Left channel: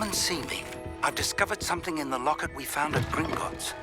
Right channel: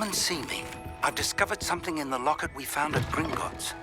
Come and see me. I've discovered something in the locket we found at Gringotts.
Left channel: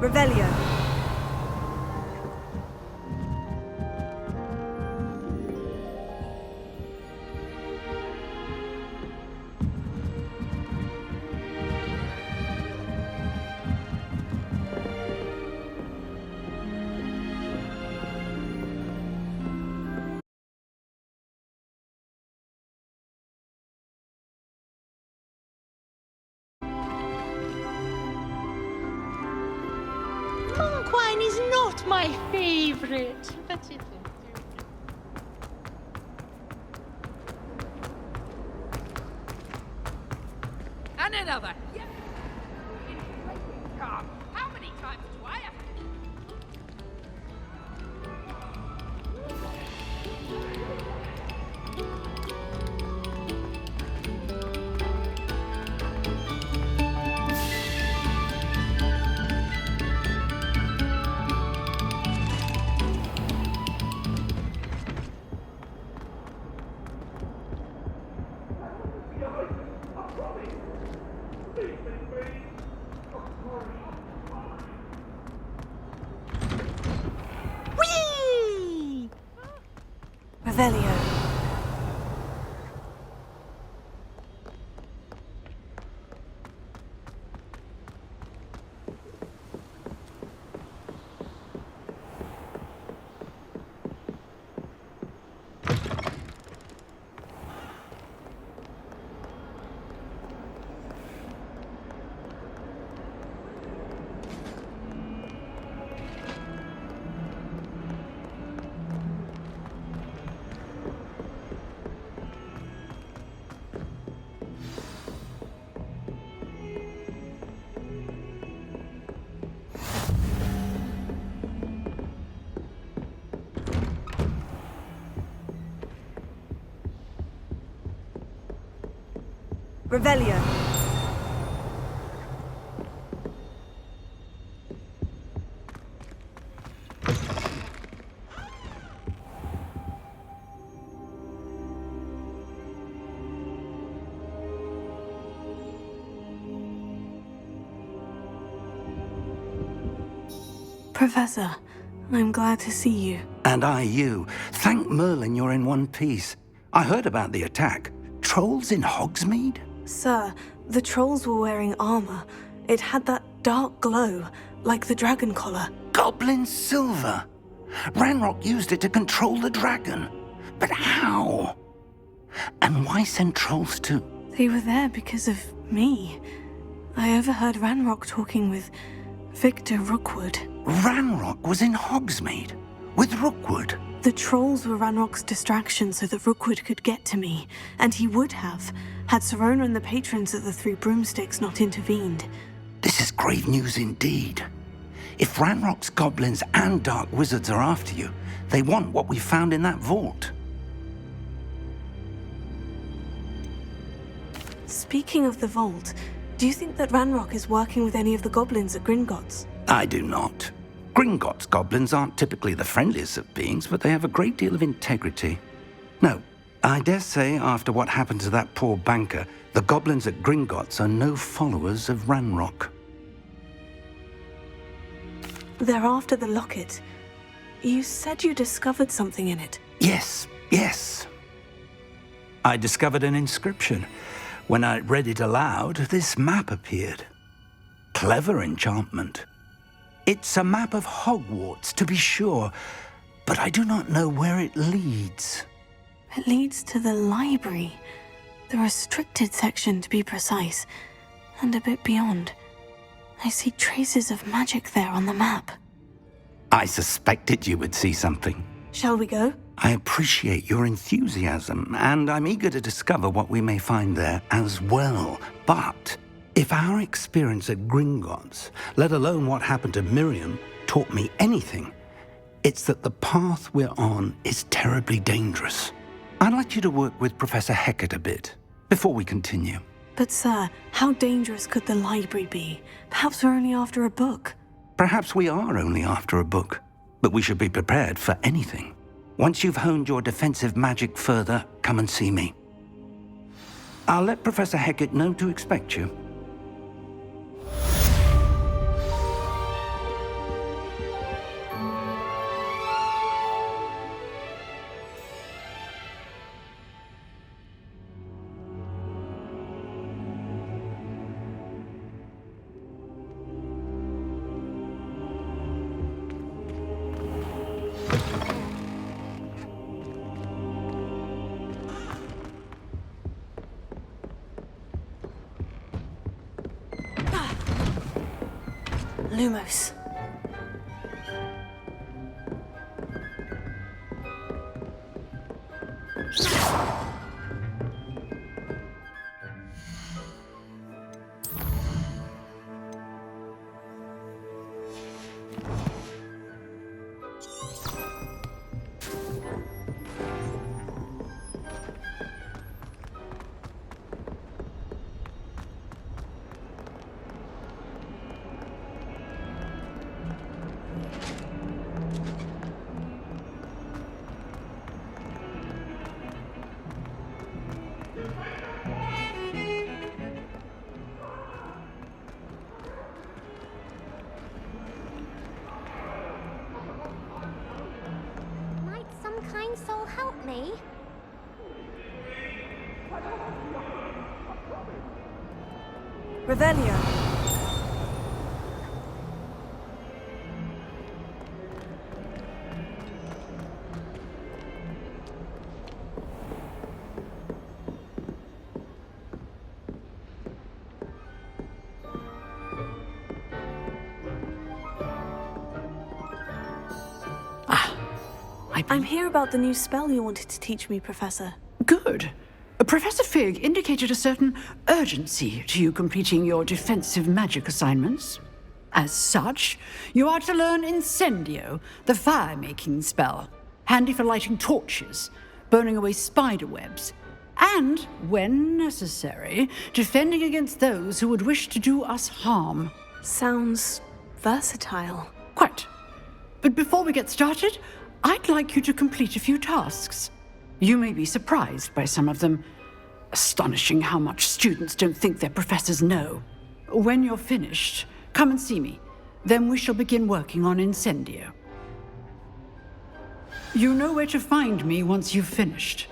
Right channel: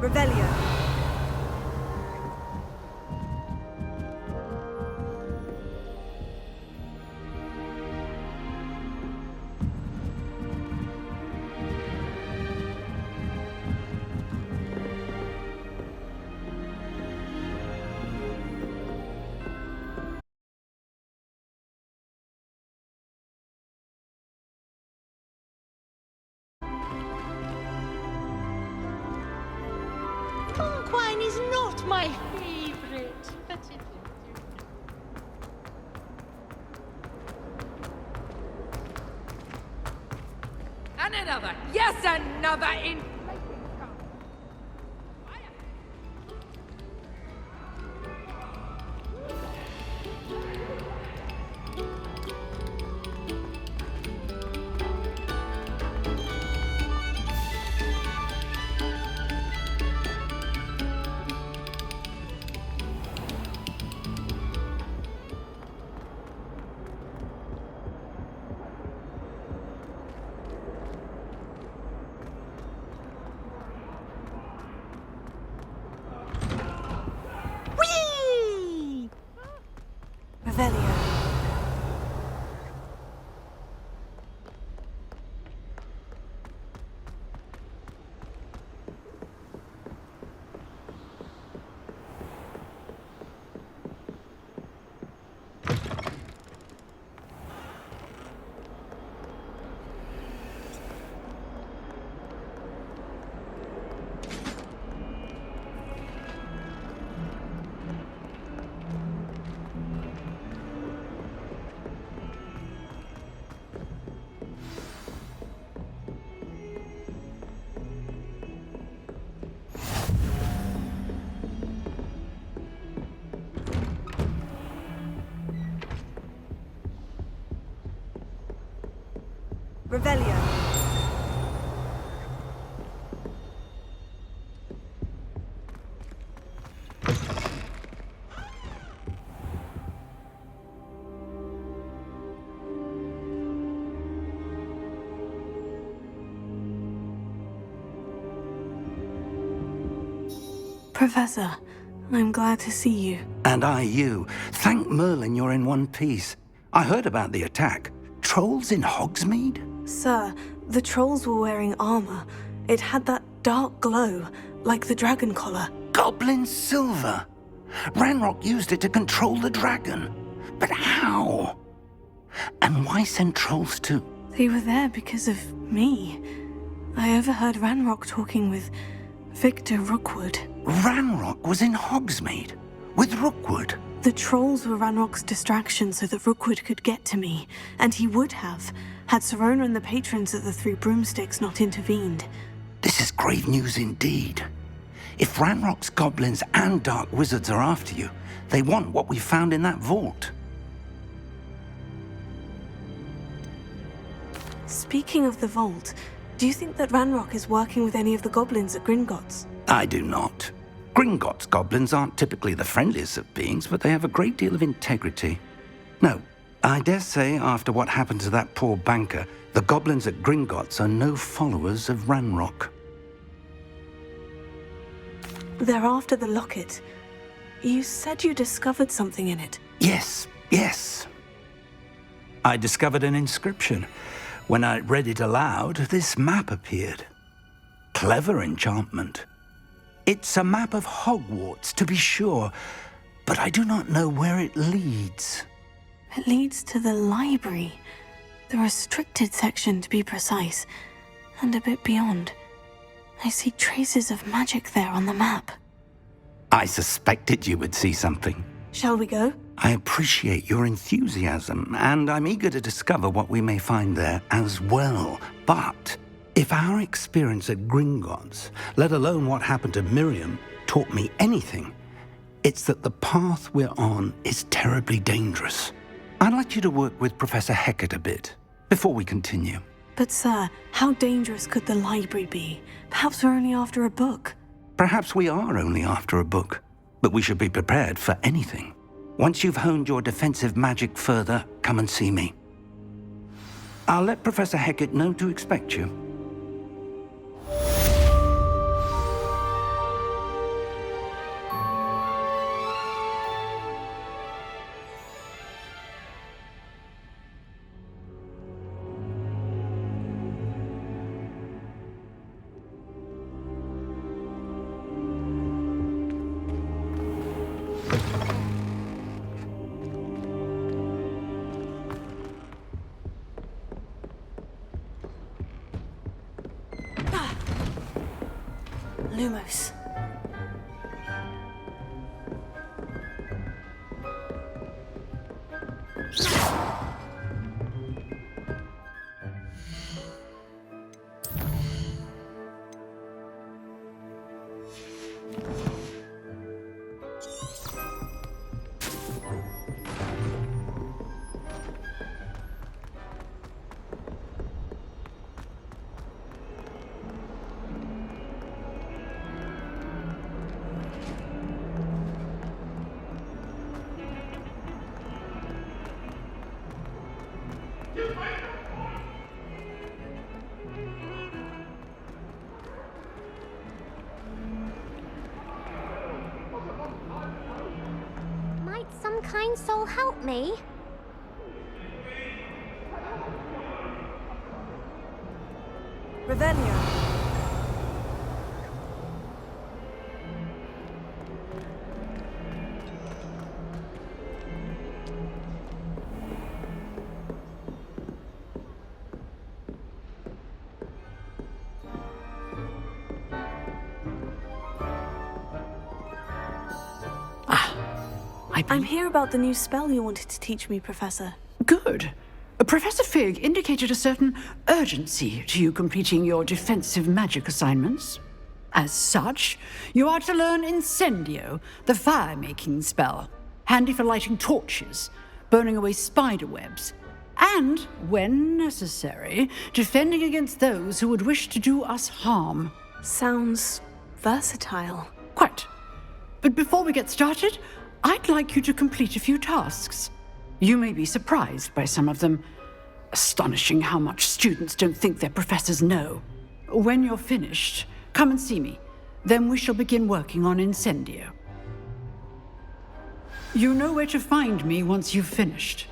Revelio. Monk wine is not my favorite, but it is. And another, yes, another inflating car. How many times do I have to... Whee! Revelio. Revelio. Professor, I'm glad to see you. And I you. Thank Merlin you're in one piece. I heard about the attack. Trolls in Hogsmeade? Sir, the trolls were wearing armor. It had that dark glow, like the dragon collar. Goblin silver! Ranrock used it to control the dragon. But how? And why send trolls too? They were there because of me. I overheard Ranrock talking with Victor Rookwood. Ranrock was in Hogsmeade with Rookwood. The trolls were Ranrock's distraction so that Rookwood could get to me, and he would have, had Serona and the patrons of the Three Broomsticks not intervened. This is grave news indeed. If Ranrock's goblins and dark wizards are after you, they want what we found in that vault. Speaking of the vault, do you think that Ranrock is working with any of the goblins at Gringotts? I do not. Gringotts goblins aren't typically the friendliest of beings, but they have a great deal of integrity. No, I dare say after what happened to that poor banker, the goblins at Gringotts are no followers of Ranrock. They're after the locket. You said you discovered something in it. Yes. I discovered an inscription. When I read it aloud, this map appeared. Clever enchantment. It's a map of Hogwarts, to be sure, but I do not know where it leads. It leads to the library. The restricted section, to be precise, and a bit beyond. I see traces of magic there on the map. I suspected you would see something. Shall we go? I appreciate your enthusiasm, and I'm eager to discover what we may find there as well. But if our experience at Gringotts, let alone what happened to Miriam, taught me anything, it's that the path we're on is terribly dangerous. I'd like you to work with Professor Hecat a bit before we continue. But sir, how dangerous could the library be? Perhaps we're only after a book. Perhaps we are only after a book, but we should be prepared for anything. Once you've honed your defensive magic further, come and see me. I'll let Professor Hecat know to expect you. Lumos. Might some kind soul help me? Revelio. I'm here about the new spell you wanted to teach me, Professor. Good. Professor Fig indicated a certain urgency to you completing your defensive magic assignments. As such, you are to learn Incendio, the fire-making spell, handy for lighting torches, burning away spider webs, and, when necessary, defending against those who would wish to do us harm. Sounds versatile. Quite. But before we get started, I'd like you to complete a few tasks. You may be surprised by some of them. Astonishing how much students don't think their professors know. When you're finished, come and see me. Then we shall begin working on Incendio. You know where to find me once you've finished.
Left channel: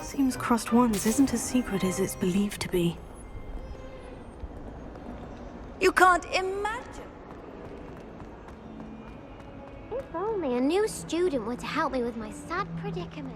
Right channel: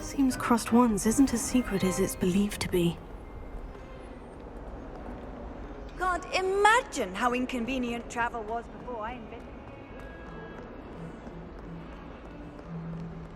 Seems crossed ones isn't as secret as it's believed to be. You can't imagine how inconvenient travel was before I invented it. If only a new student were to help me with my sad predicament.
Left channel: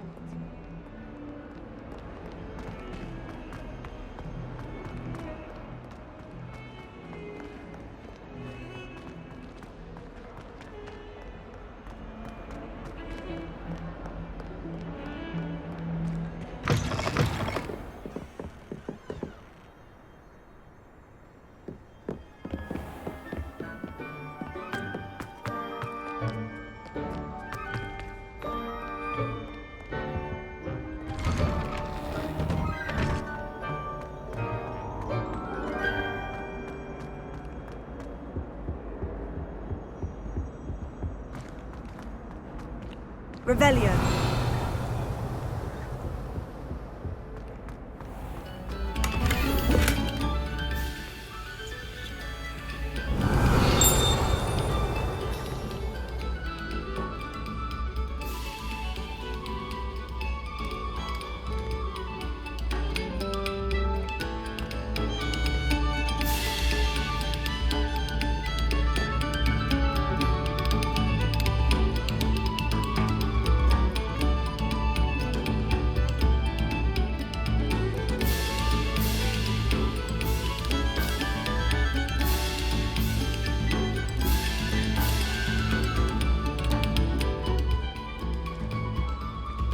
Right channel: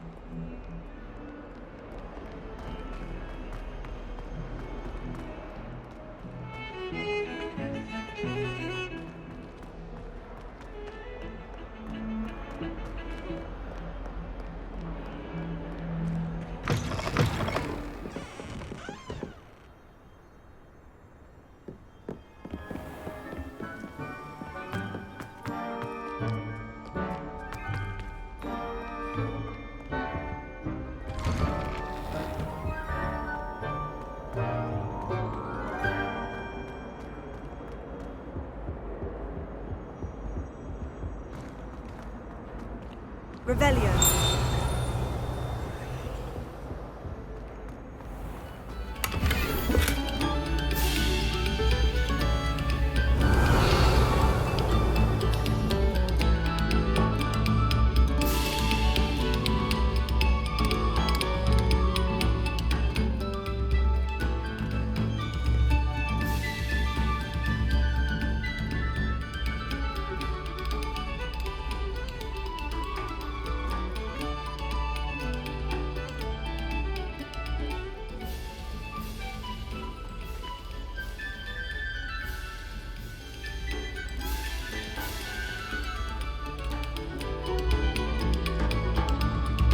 Revelio.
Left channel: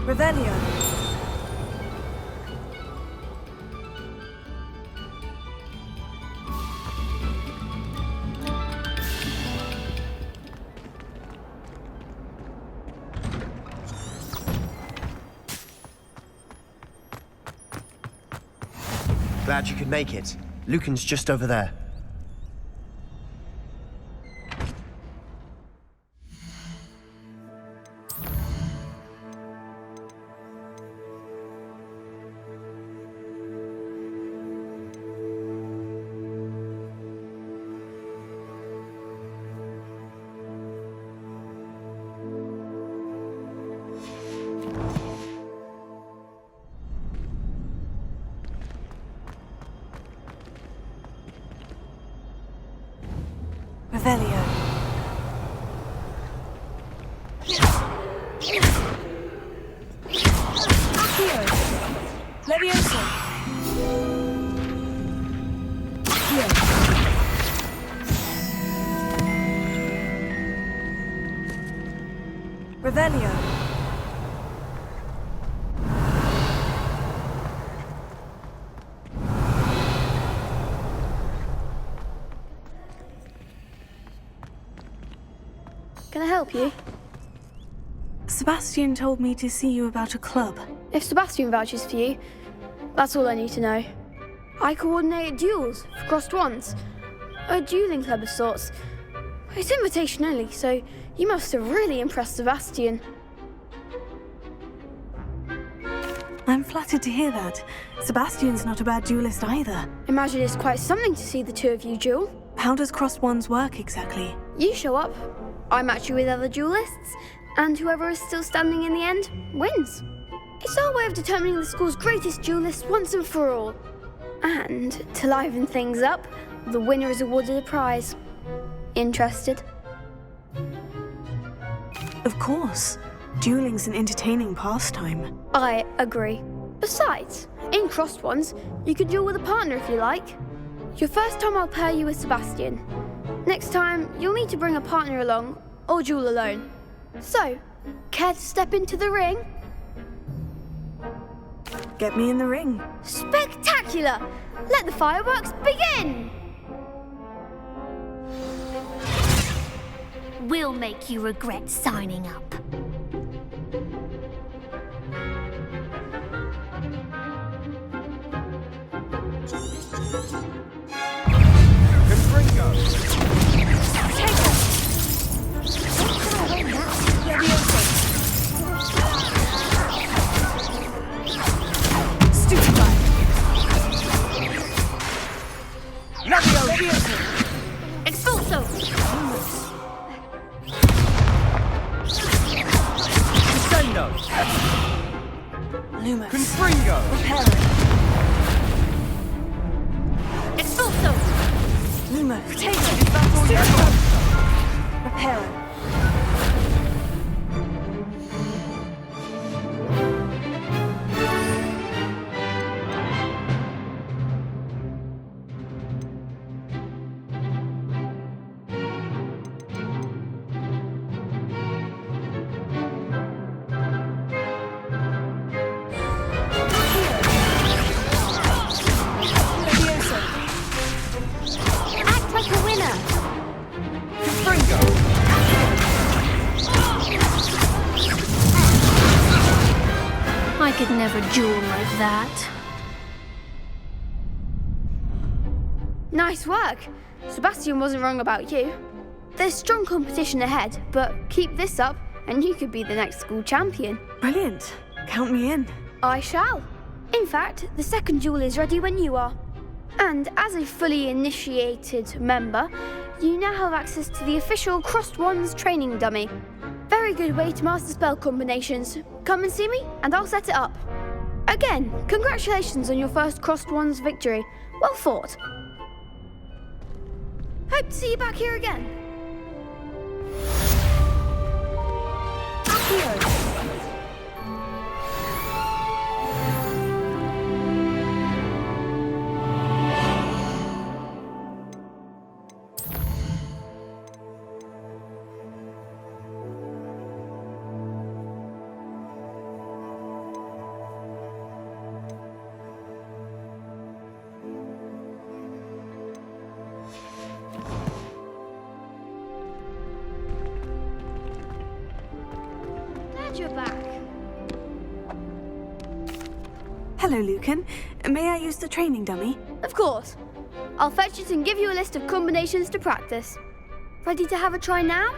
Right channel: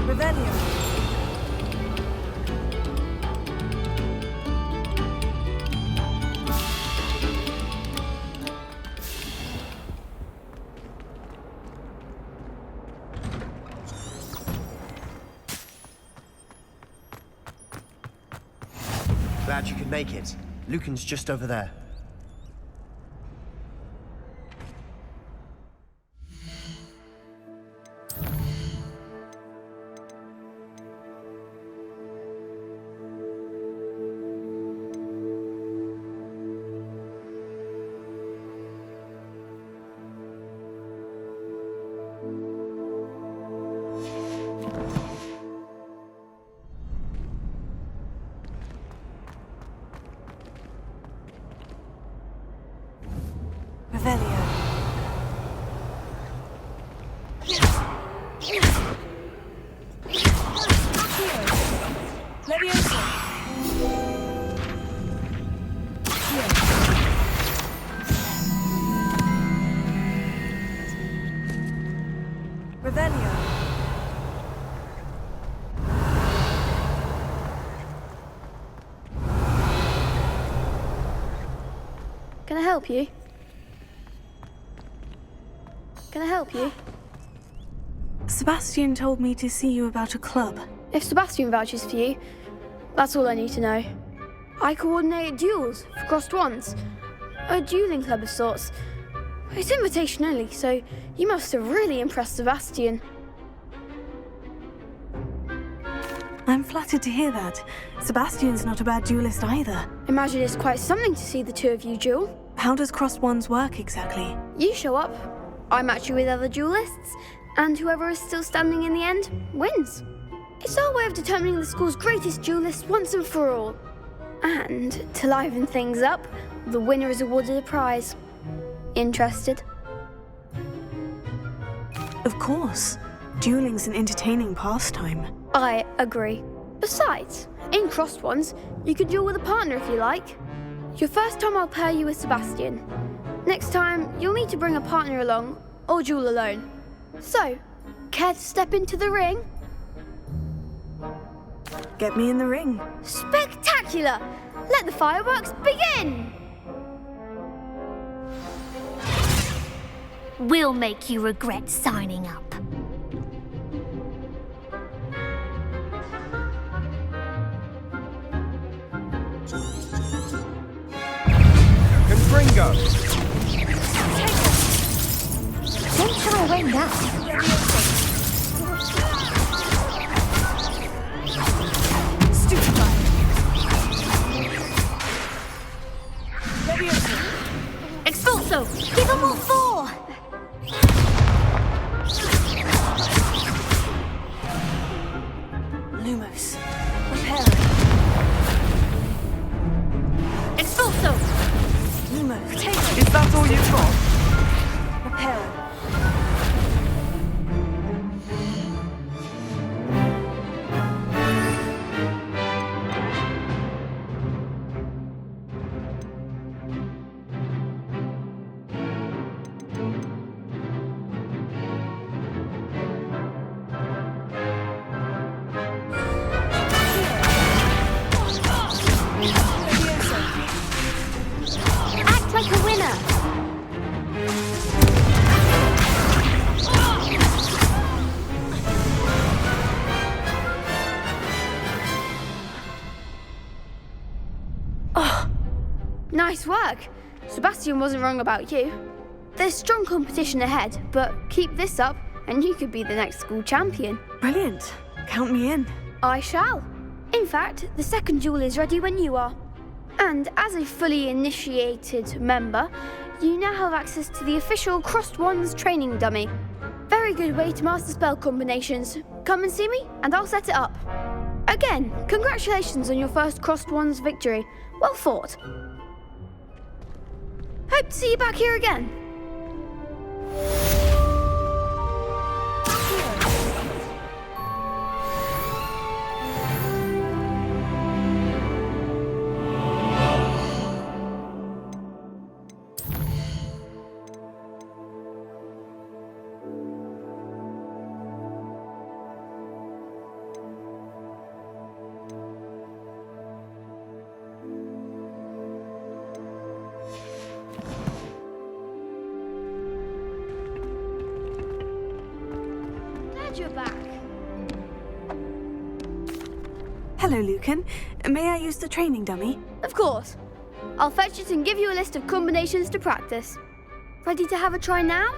Revelio. Glad you could make it. Lucan's just over there. Revelio. Accio. Levioso. Accio. Revelio. Can I help you? Can I help you? Sebastian told me to see you about a club. If Sebastian vouches for you, that's all I need to know. I coordinate duels for crossed wands. A dueling club of sorts. It's invitation only, so you must have really impressed Sebastian. I'm flattered to hear that. Sebastian's not a bad duelist either. Imagine it's quite something to see the two of you duel. How does crossed wands work exactly? You show up, I match you with other duelists, and whoever is still standing in the end wins. It's our way of determining the school's greatest duelist once and for all. And to liven things up, the winner is awarded a prize. Interested? Of course. Dueling's an entertaining pastime. I agree. Besides, in crossed ones, you can duel with a partner if you like. Your first time I'll pair you with Sebastian. Next time, you'll need to bring a partner along, or duel alone. So, care to step into the ring? Get me in the ring. Spectacular! Let the fireworks begin! We'll make you regret signing up. Confringo! Don't try to win that. Stupefy. Expulso! Give them all four! Defendo! Lumos. Confringo! Repel. Expulso! Lumos. Potato. Is that all you've got? Repel. Act like a winner! I could never duel like that. Nice work! Sebastian wasn't wrong about you. There's strong competition ahead, but keep this up and you could be the next school champion. Brilliant. Count me in. I shall. In fact, the second duel is ready when you are. And as a fully initiated member, you now have access to the official Crossed Wands training dummy. Very good way to master spell combinations. Come and see me, and I'll set it up. Again, congratulations on your first Crossed Wands victory. Well fought. Hope to see you back here again. Glad you're back. Hello, Lucan. May I use the training dummy? Of course. I'll fetch it and give you a list of combinations to practice. Ready to have a try now?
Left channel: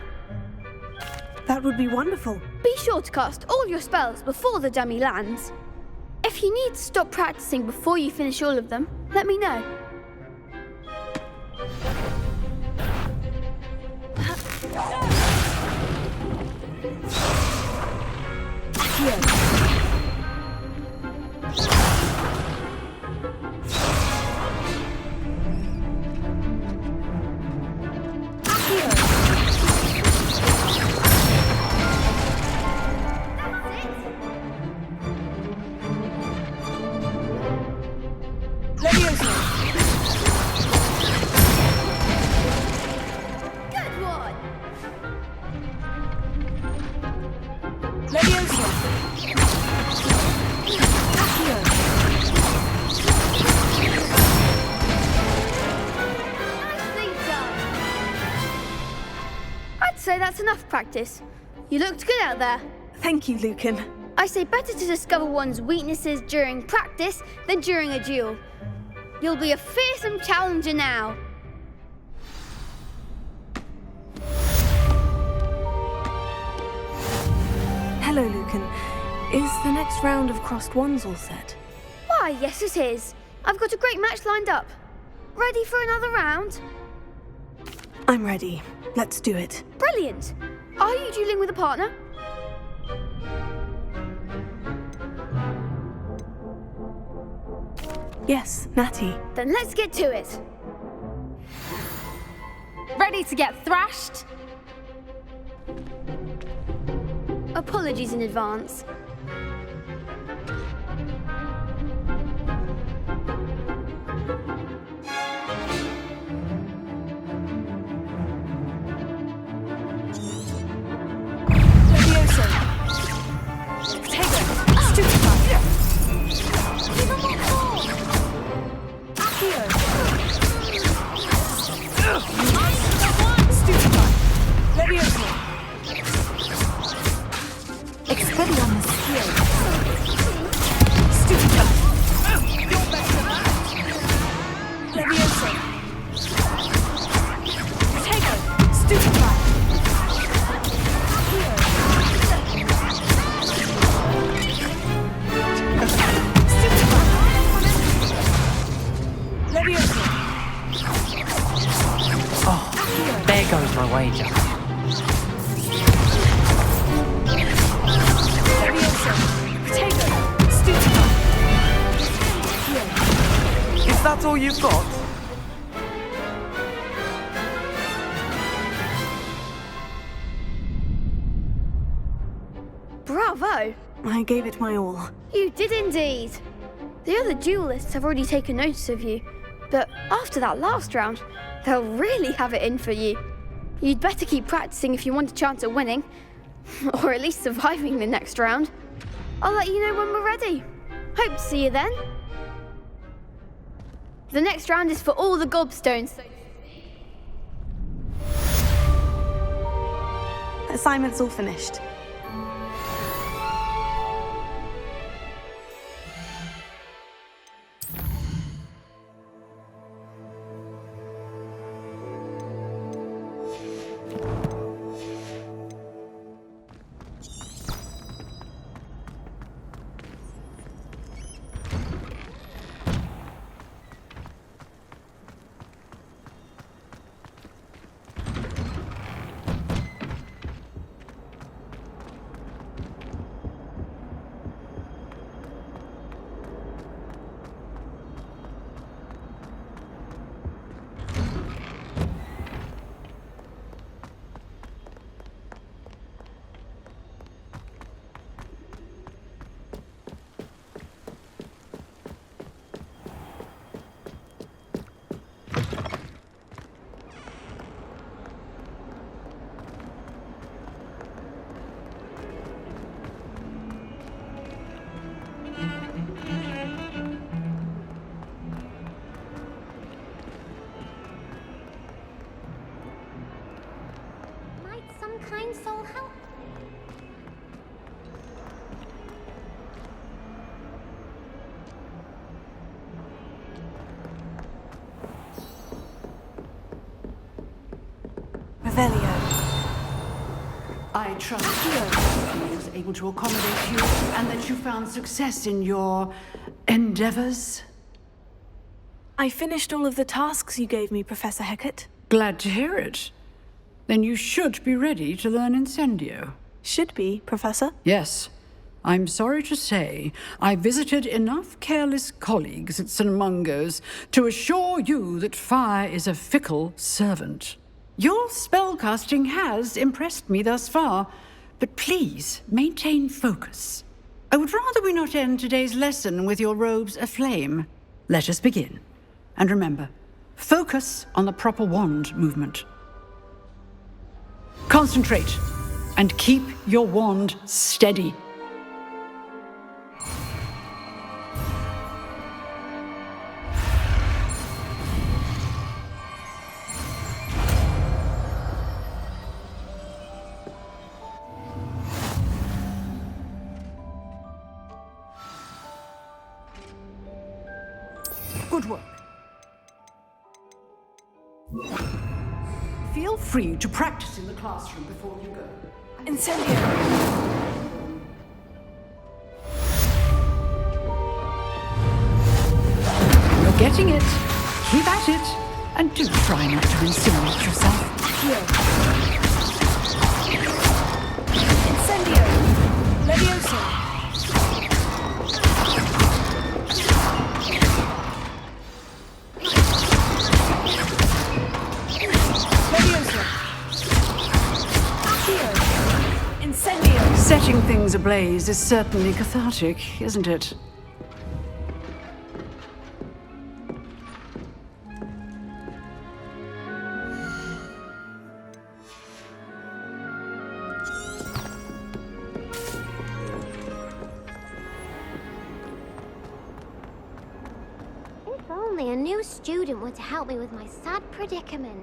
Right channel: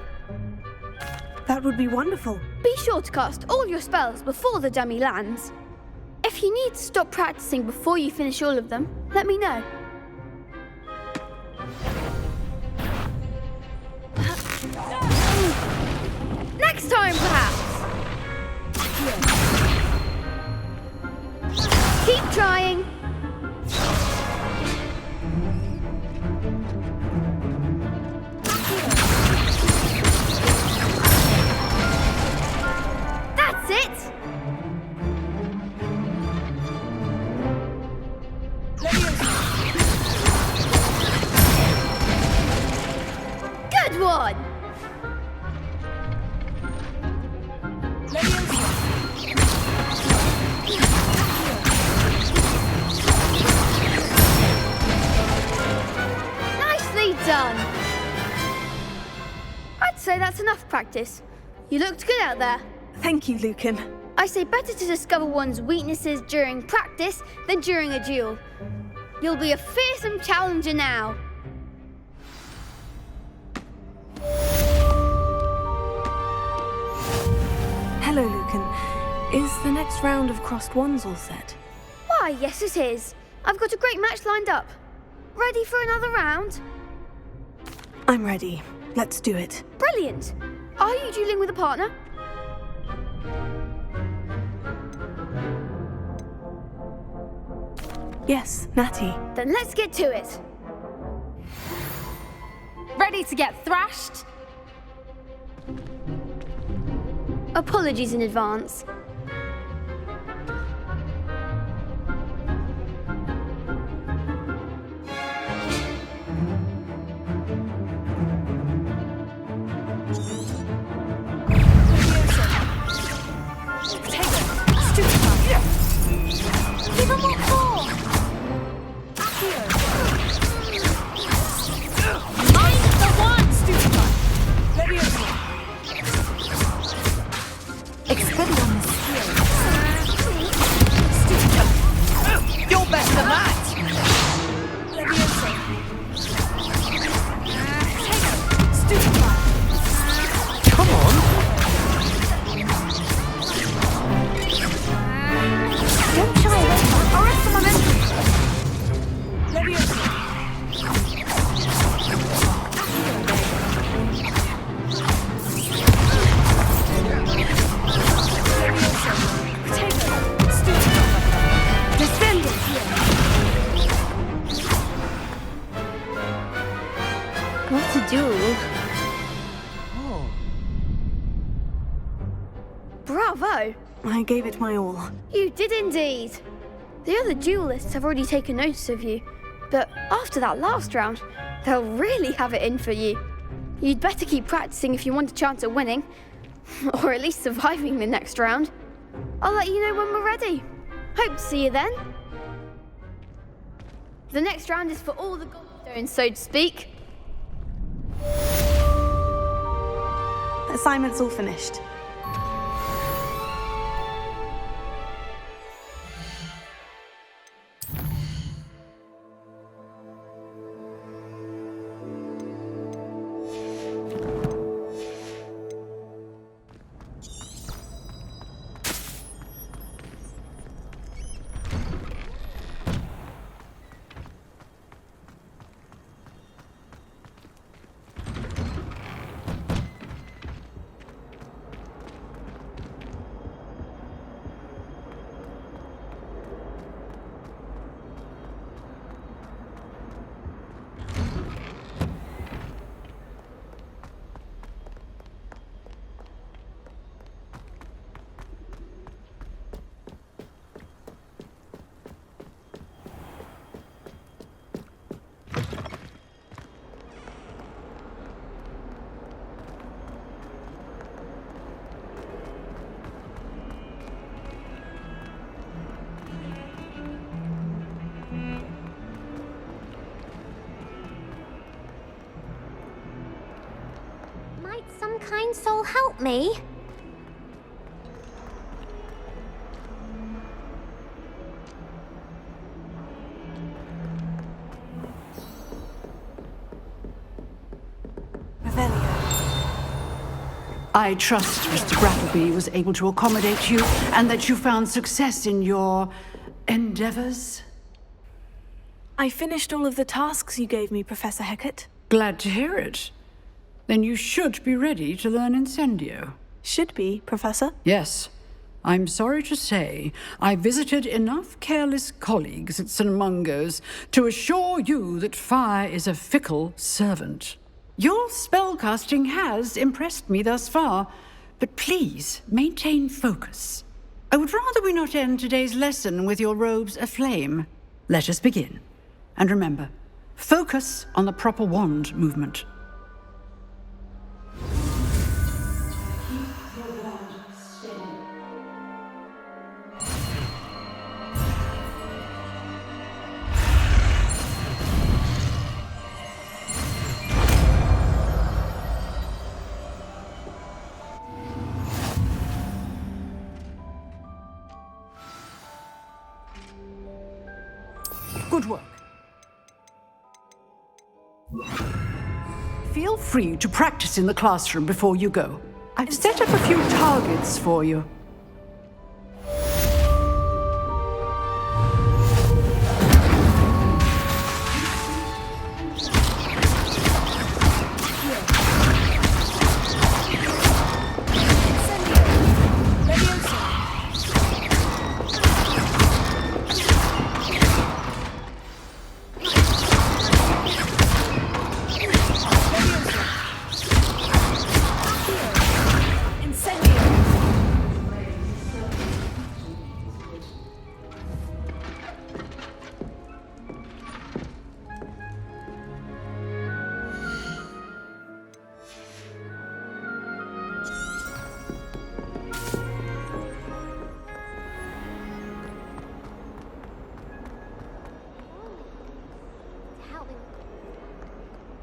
That would be wonderful. Be sure to cast all your spells before the dummy lands. If you need to stop practicing before you finish all of them, let me know. Next time, perhaps. Keep trying. That's it. Good one. Nicely done. I'd say that's enough practice. You looked good out there. Thank you, Lucan. I say better to discover one's weaknesses during practice than during a duel. You'll be a fearsome challenger now. Hello, Lucan. Is the next round of Crossed Wands all set? Why, yes it is. I've got a great match lined up. Ready for another round? I'm ready. Let's do it. Brilliant. Are you dueling with a partner? Yes, Natty. Then let's get to it. Ready to get thrashed? Apologies in advance. Bravo! I gave it my all. You did indeed. The other duelists have already taken notice of you, but after that last round, they'll really have it in for you. You'd better keep practicing if you want a chance at winning, or at least surviving the next round. I'll let you know when we're ready. Hope to see you then. The next round is for all the gobstones, so to speak. Assignment's all finished. Divine Soul help me? Revelio. I trust Mr. Brattleby was able to accommodate you and that you found success in your endeavors. I finished all of the tasks you gave me, Professor Hecat. Glad to hear it. Then you should be ready to learn Incendio. Should be, Professor. Yes. I'm sorry to say, I visited enough careless colleagues at St. Mungo's to assure you that fire is a fickle servant. Your spellcasting has impressed me thus far, but please maintain focus. I would rather we not end today's lesson with your robes aflame. Let us begin. And remember, focus on the proper wand movement. Concentrate and keep your wand steady. Good work. Feel free to practice in the classroom before you go. I've set up a few targets for you. You're getting it. Keep at it. And do try and smart yourself. Incendio! Leviosa! Setting things ablaze is certainly cathartic, isn't it? If only a new student were to help me with my sad predicament.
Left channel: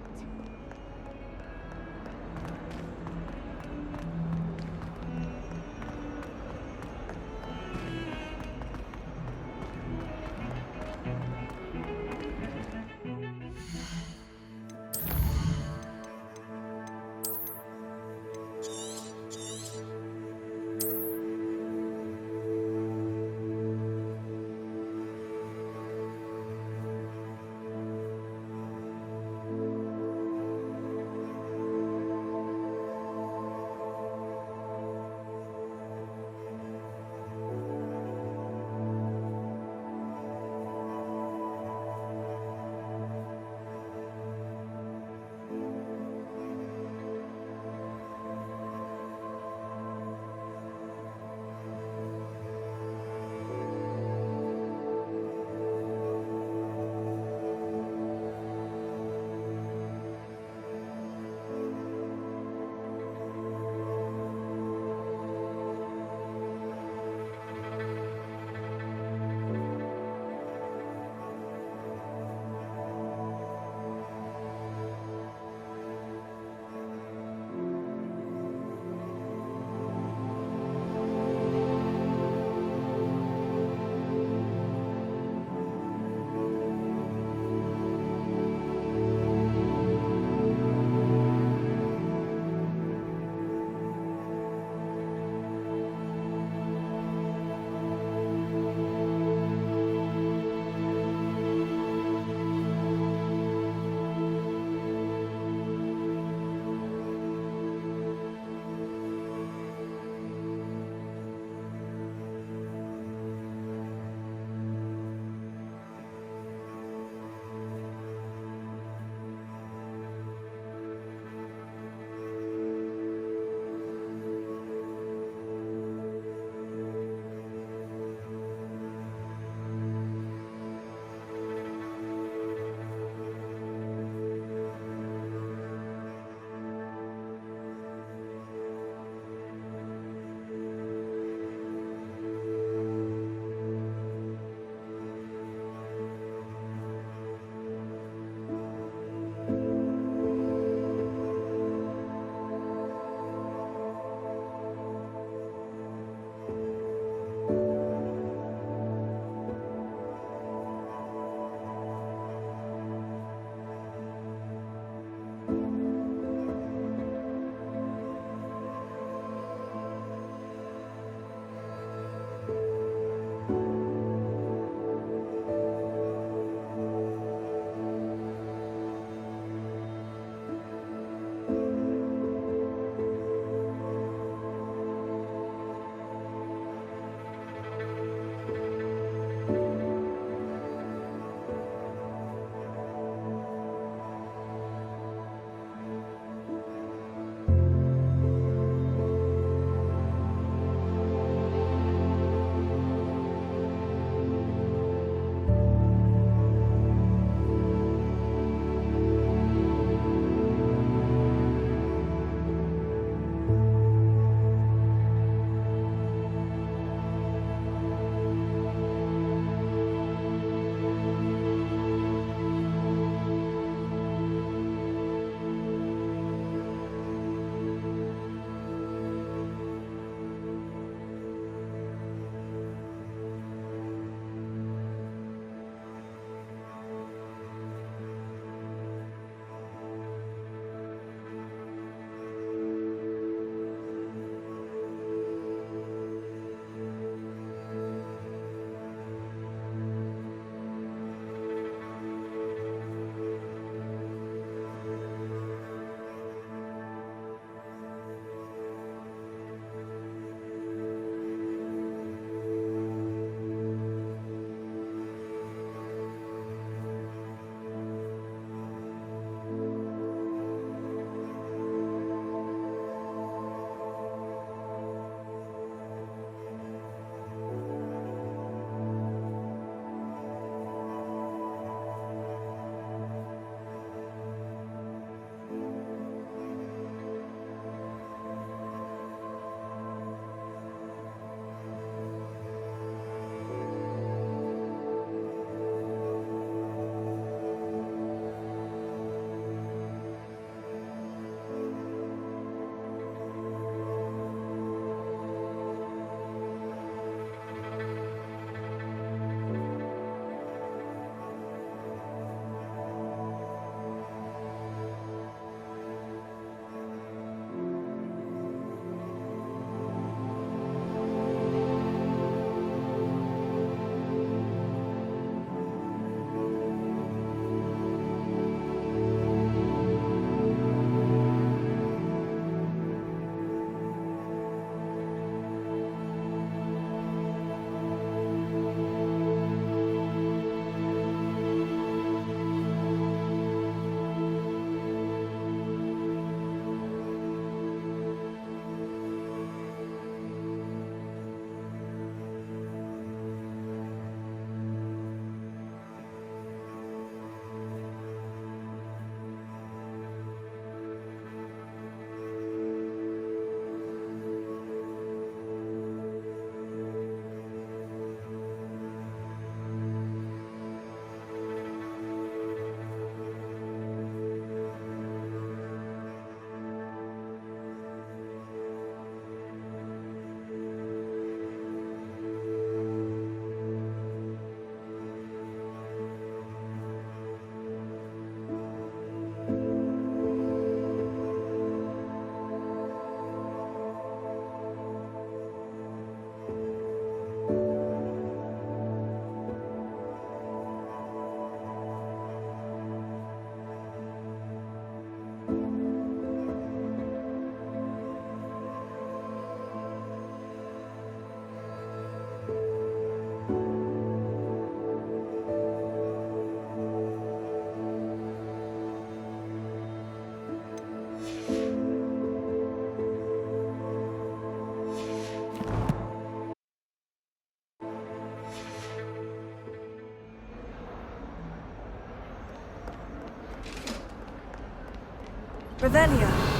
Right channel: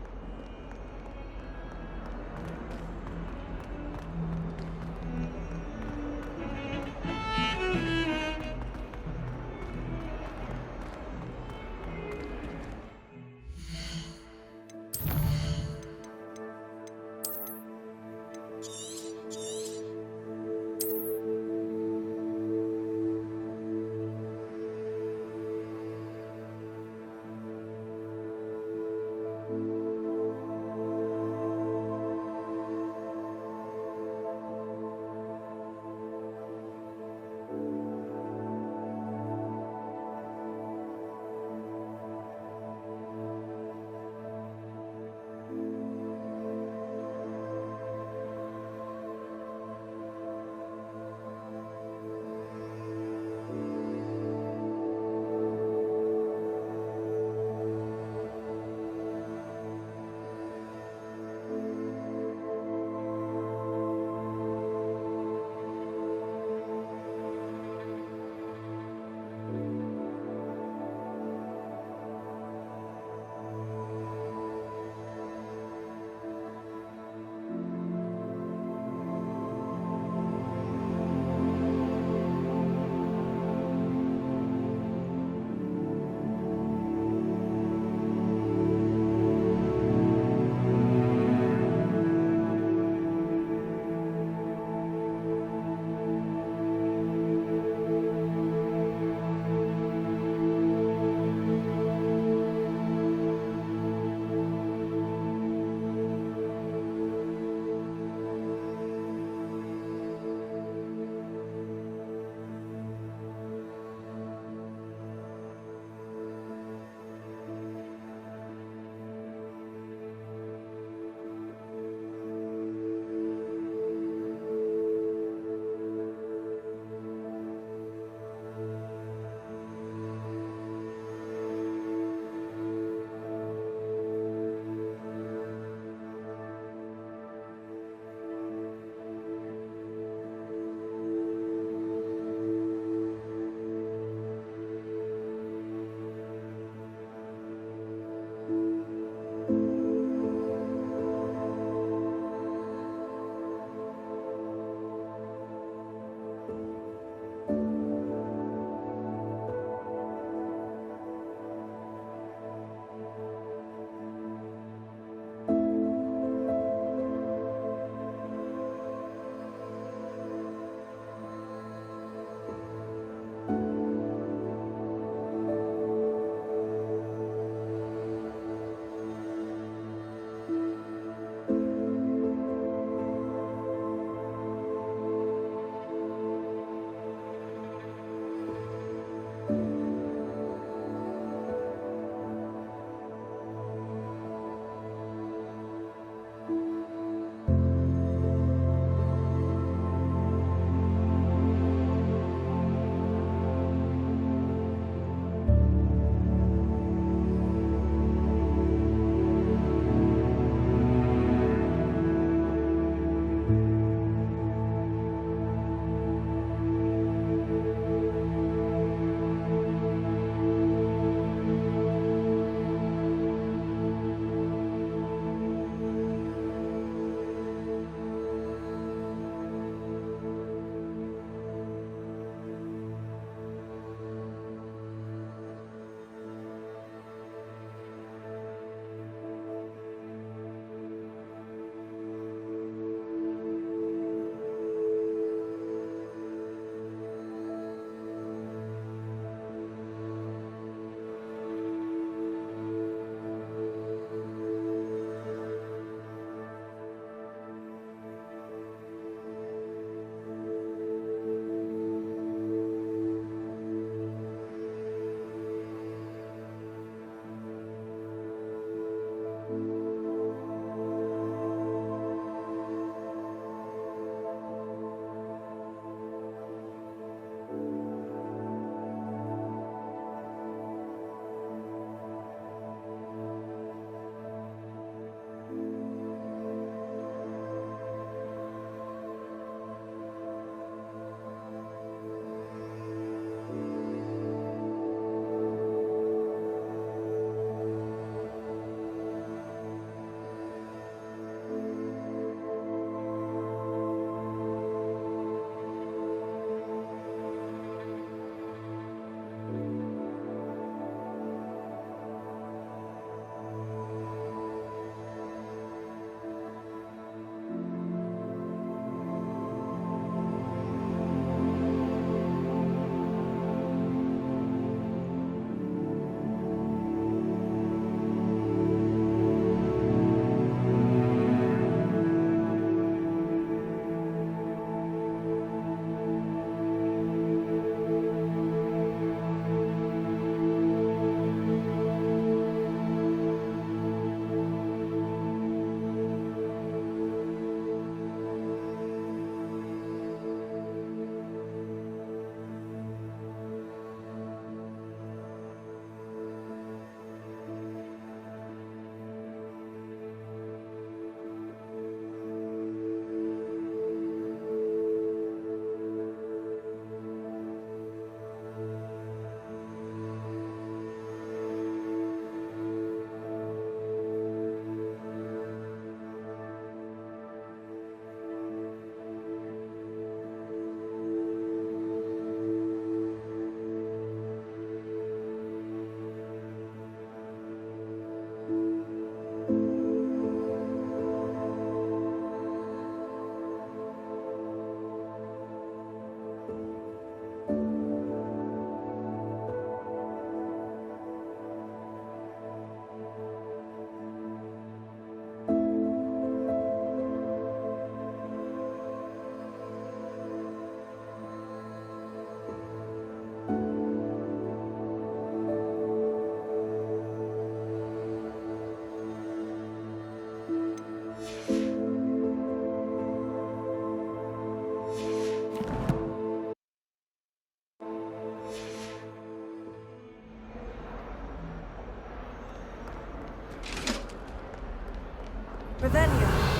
Revelio.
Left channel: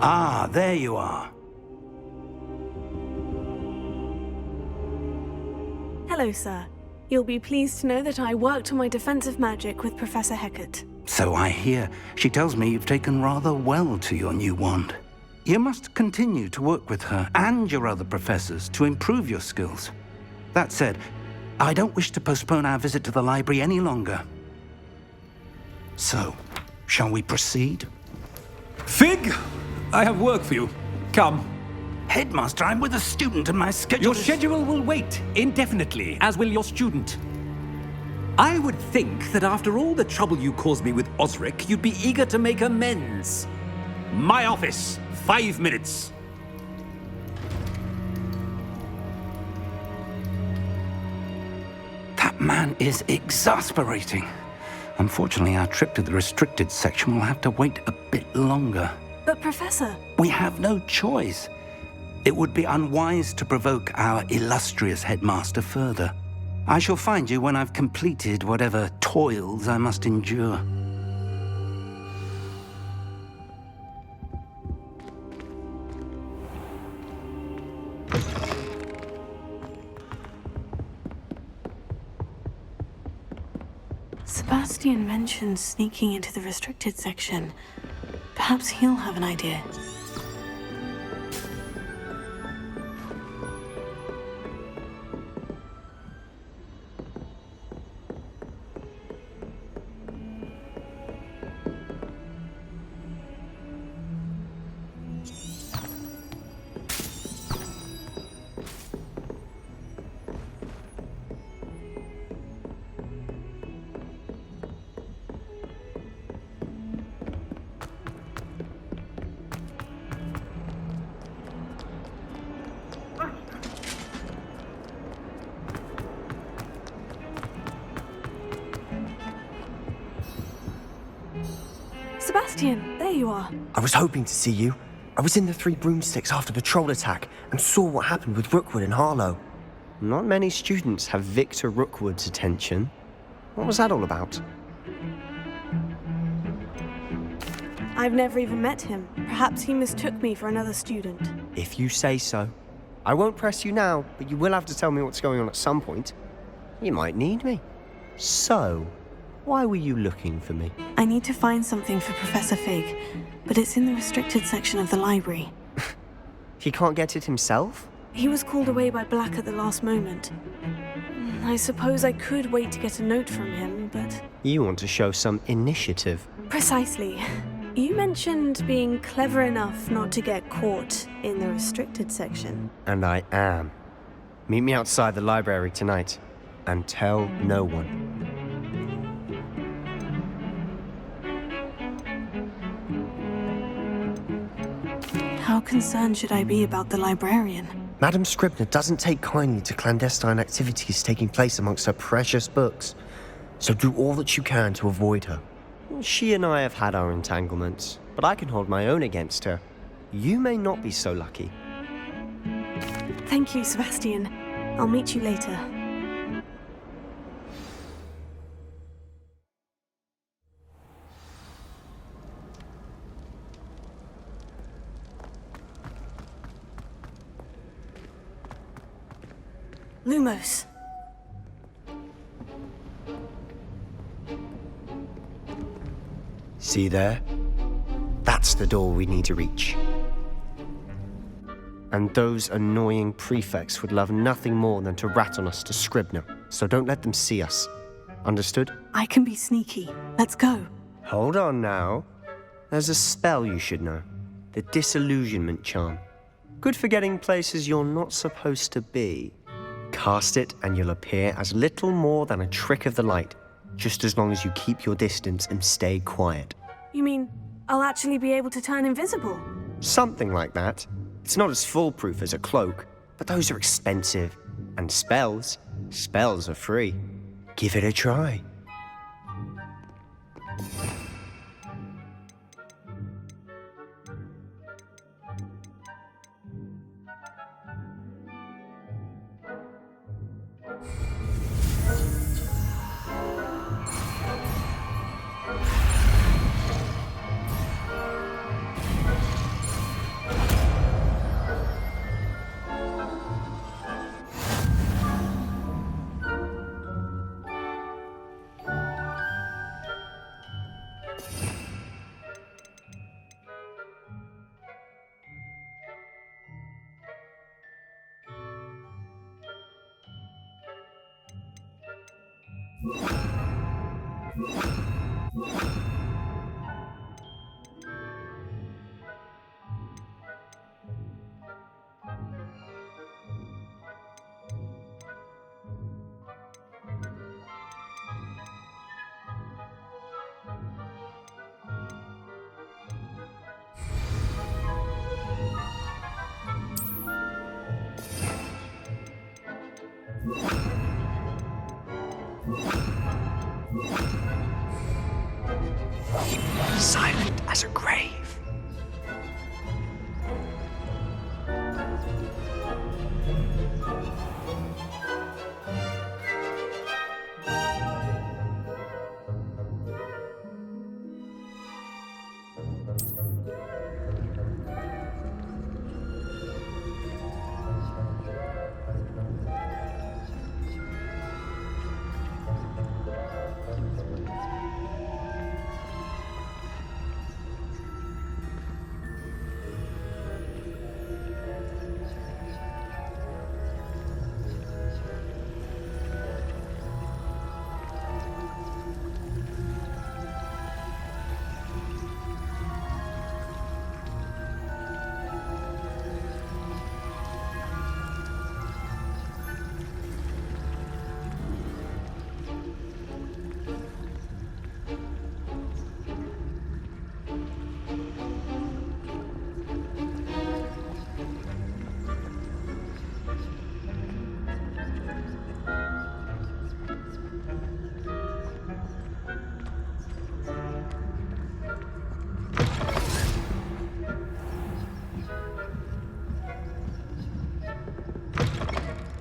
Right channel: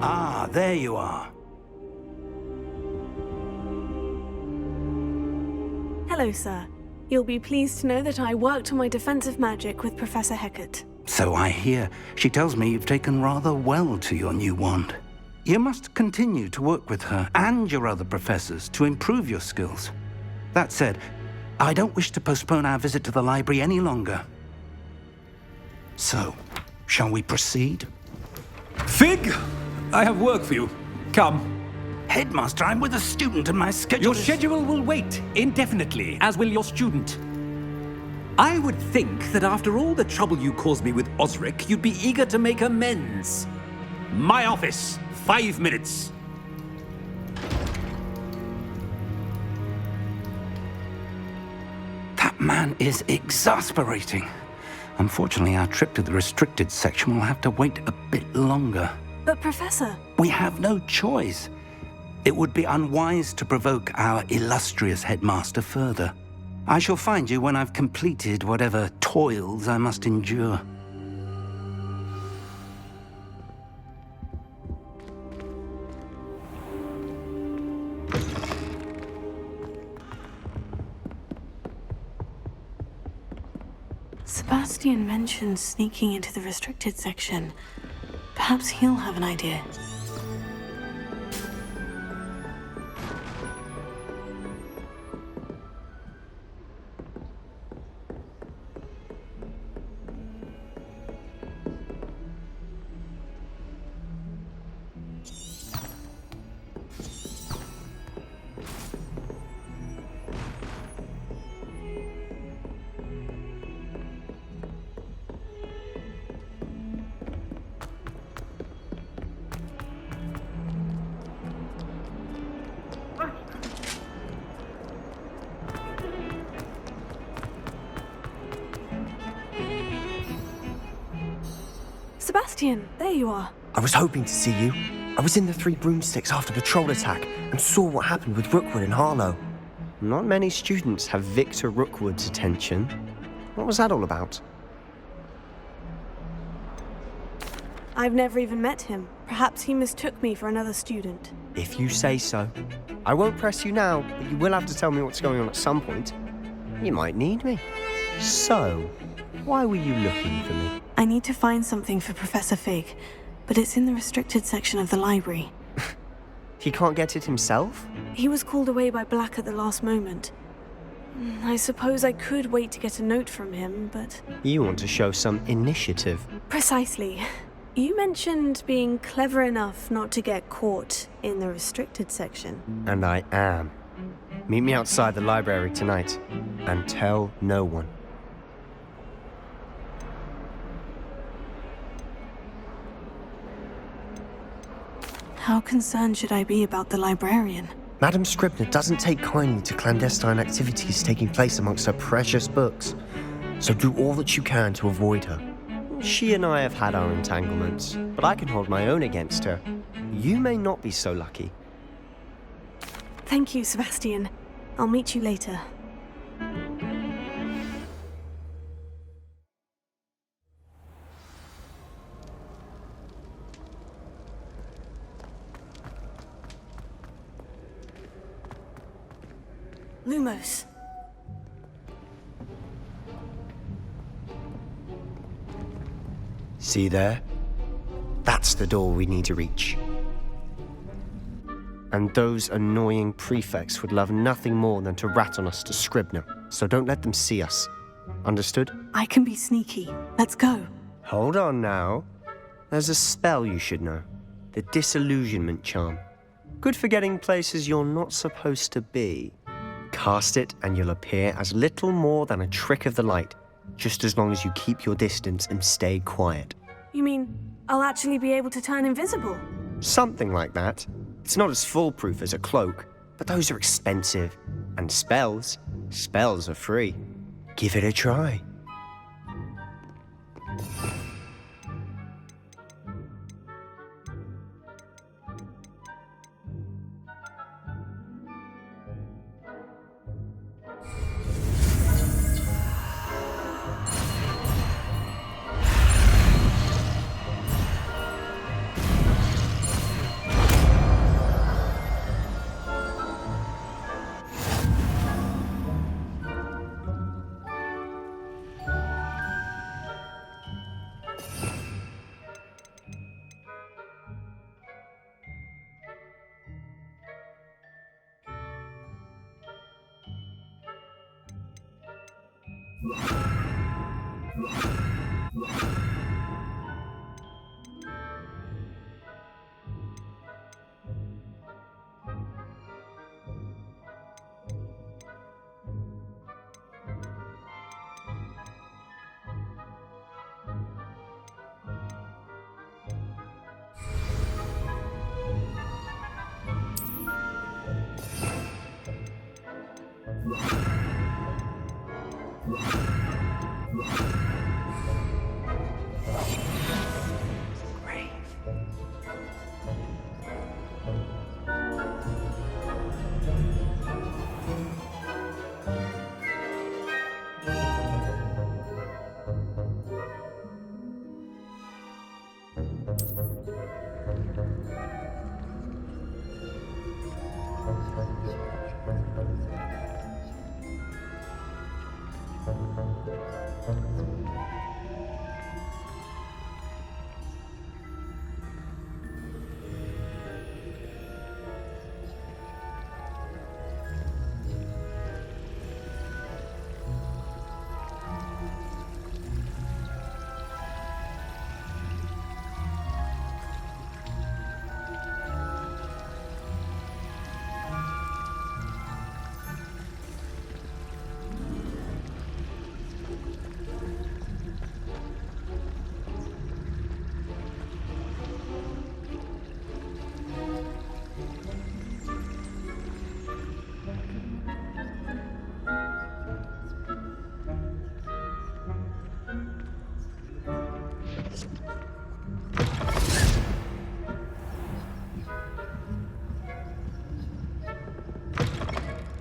Ah, there you are. Hello, sir. You'll be pleased to know that I worked on my defensive magic with Professor Hecat. So I hear. She tells me you've taken rather well to your new wand. You must continue to work with her and your other professors to improve your skills. That said, I don't wish to postpone our visit to the library any longer. So, shall we proceed? Fig! I have work for you. Come. Headmaster, I'm with a student and my schedule Your schedule will wait indefinitely, as will your student. I would think that after all the trouble you caused me with Osric, you'd be eager to make amends. My office, 5 minutes. That man is exasperating. Unfortunately, our trip to the restricted section will have to wait a bit longer. But, Professor... We have no choice. It would be unwise to provoke our illustrious headmaster further. I shall find you when I've completed whatever toils I must endure. Sebastian mentioned sneaking into the restricted section. Perhaps he'll have an idea. Sebastian, there you are. I was hoping to see you. I was in the Three Broomsticks after the troll attack and saw what happened with Rookwood and Harlow. Not many students have Victor Rookwood's attention. What was that all about? I've never even met him. Perhaps he mistook me for another student. If you say so. I won't press you now, but you will have to tell me what's going on at some point. You might need me. So, why were you looking for me? I need to find something for Professor Fig, but it's in the restricted section of the library. He can't get it himself? He was called away by Black at the last moment. I suppose I could wait to get a note from him, but... You want to show some initiative. Precisely. You mentioned being clever enough not to get caught in the restricted section. And I am. Meet me outside the library tonight, and tell no one. How concerned should I be about the librarian? Madame Scribner doesn't take kindly to clandestine activities taking place amongst her precious books, so do all that you can to avoid her. She and I have had our entanglements, but I can hold my own against her. You may not be so lucky. Thank you, Sebastian. I'll meet you later. Lumos. See there? That's the door we need to reach. And those annoying prefects would love nothing more than to rat on us to Scribner, so don't let them see us. Understood? I can be sneaky. Let's go. Hold on now. There's a spell you should know. The Disillusionment Charm. Good for getting places you're not supposed to be. cast it and you'll appear as little more than a trick of the light, just as long as you keep your distance and stay quiet. You mean I'll actually be able to turn invisible? Something like that. It's not as foolproof as a cloak, but those are expensive. And spells are free. Give it a try. Silent as a grave.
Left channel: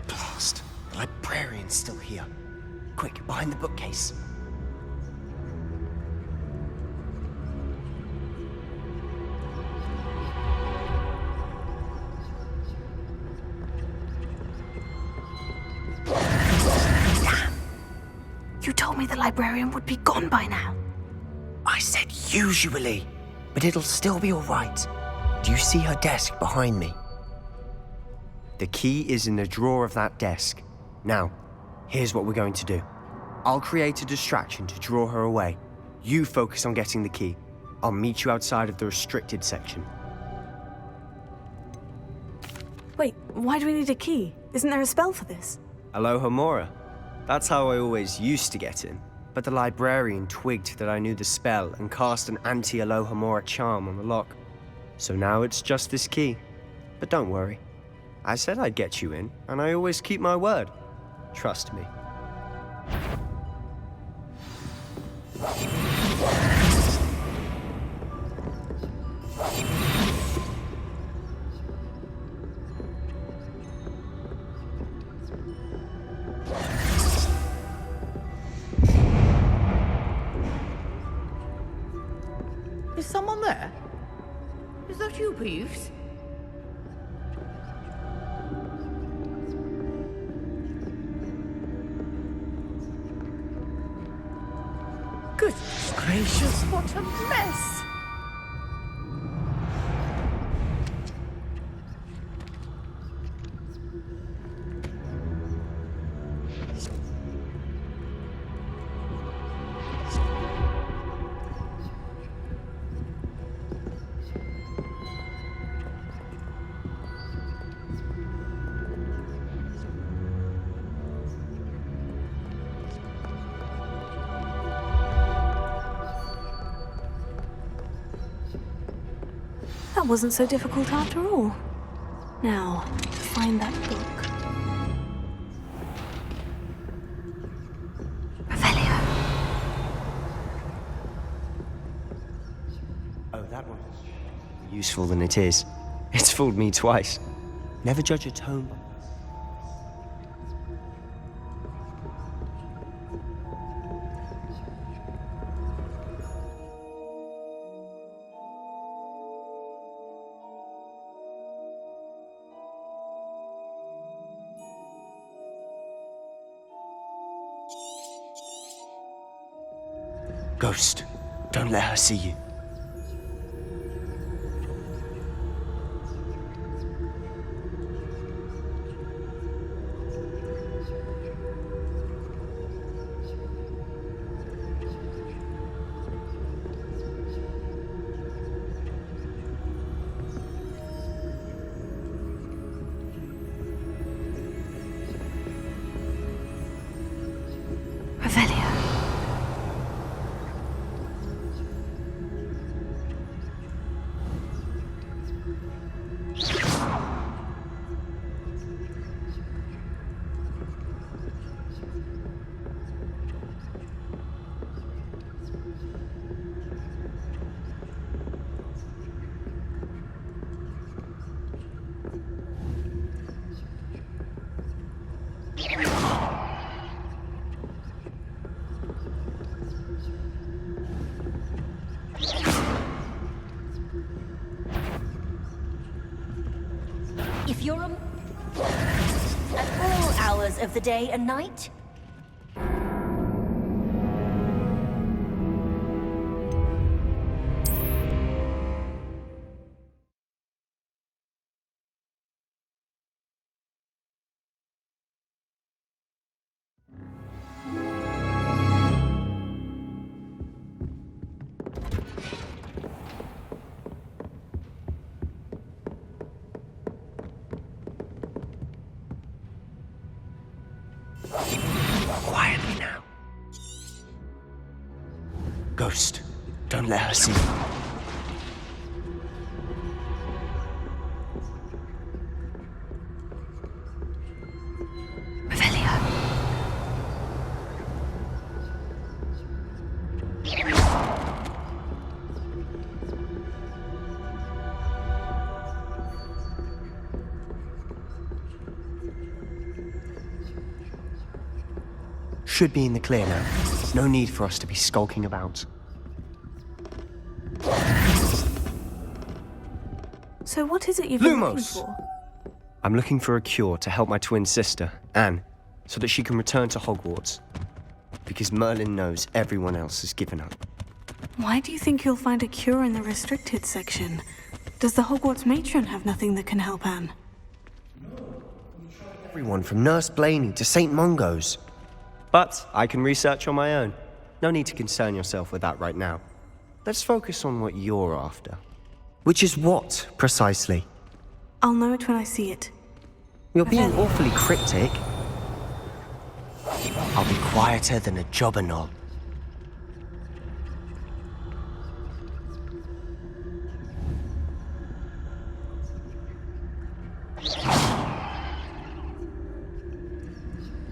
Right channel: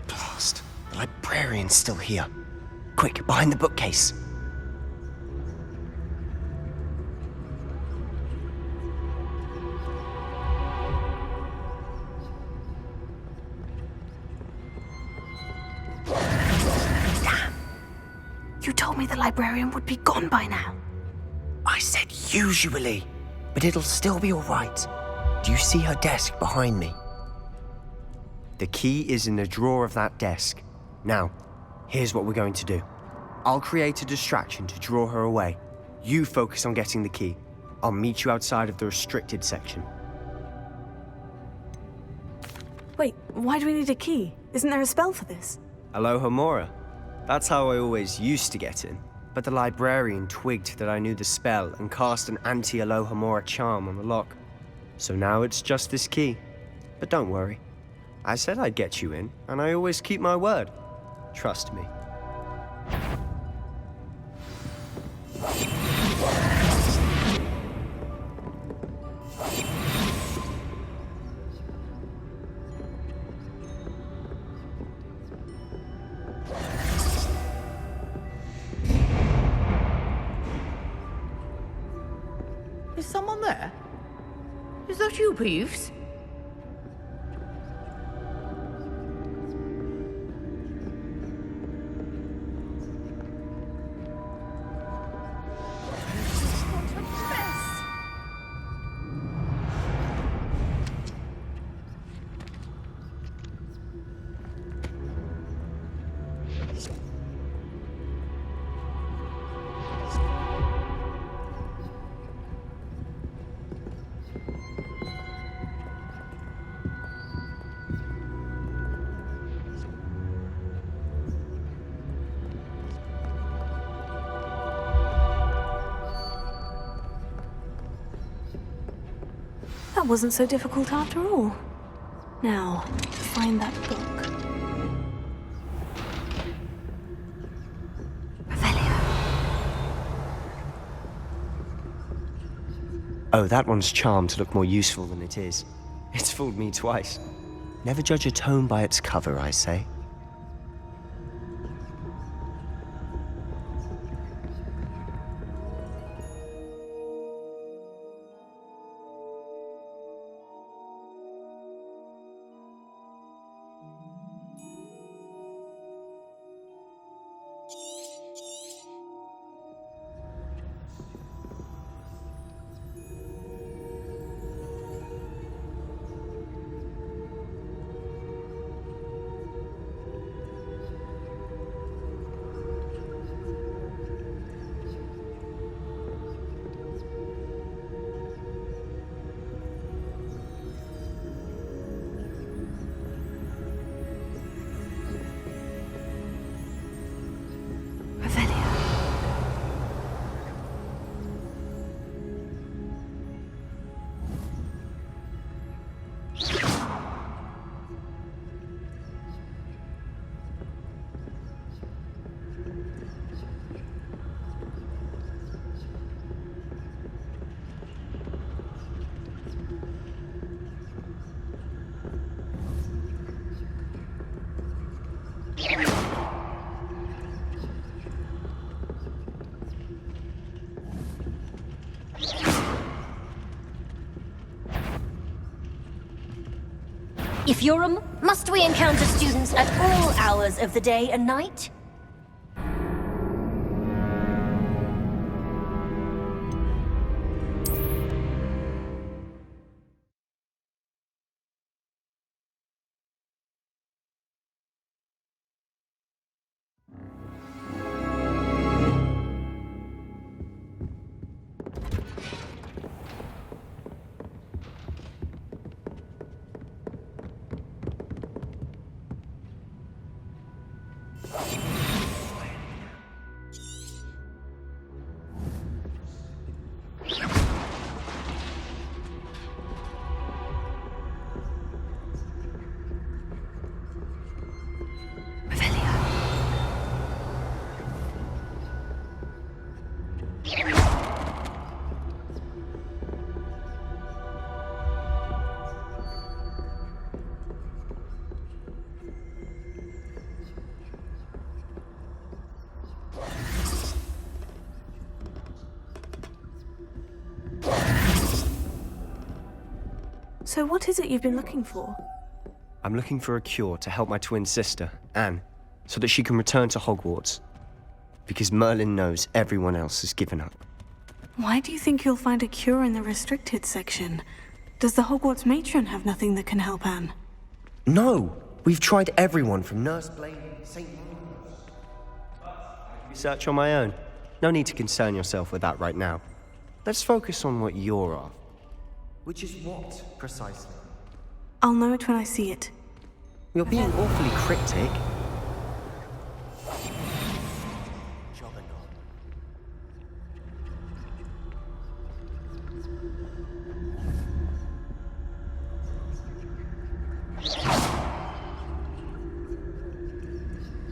The librarian's still here. Quick, behind the bookcase. Damn! You told me the librarian would be gone by now. I said usually, but it'll still be all right. Do you see her desk behind me? The key is in the drawer of that desk. Now, here's what we're going to do. I'll create a distraction to draw her away. You focus on getting the key. I'll meet you outside of the restricted section. Wait, why do we need a key? Isn't there a spell for this? Alohomora. That's how I always used to get in. But the librarian twigged that I knew the spell and cast an anti-Alohomora charm on the lock. So now it's just this key. But don't worry. I said I'd get you in, and I always keep my word. Trust me. Is someone there? Is that you, Peeves? Goodness gracious, what a mess! wasn't so difficult after all. Now, find that book. Revelio. Oh, that one's charmed to look more useful than it is. It's fooled me twice. Never judge a tome by its cover, I say. Ghost, don't let her see you. Revelio. Epheurum, must we encounter students at all hours of the day and night? Quietly now. Ghost, don't let her see you. Revelio. Should be in the clear now. No need for us to be skulking about. So what is it you've been looking Lumos! for? I'm looking for a cure to help my twin sister, Anne, so that she can return to Hogwarts. Because Merlin knows everyone else has given up. Why do you think you'll find a cure in the restricted section? Does the Hogwarts matron have nothing that can help Anne? No! We've tried everyone from Nurse Blaney to St. Mungo's. But I can research on my own. No need to concern yourself with that right now. Let's focus on what you're after. Which is what, precisely? I'll know it when I see it. You're being awfully cryptic. I'll be quieter than a jobber knob.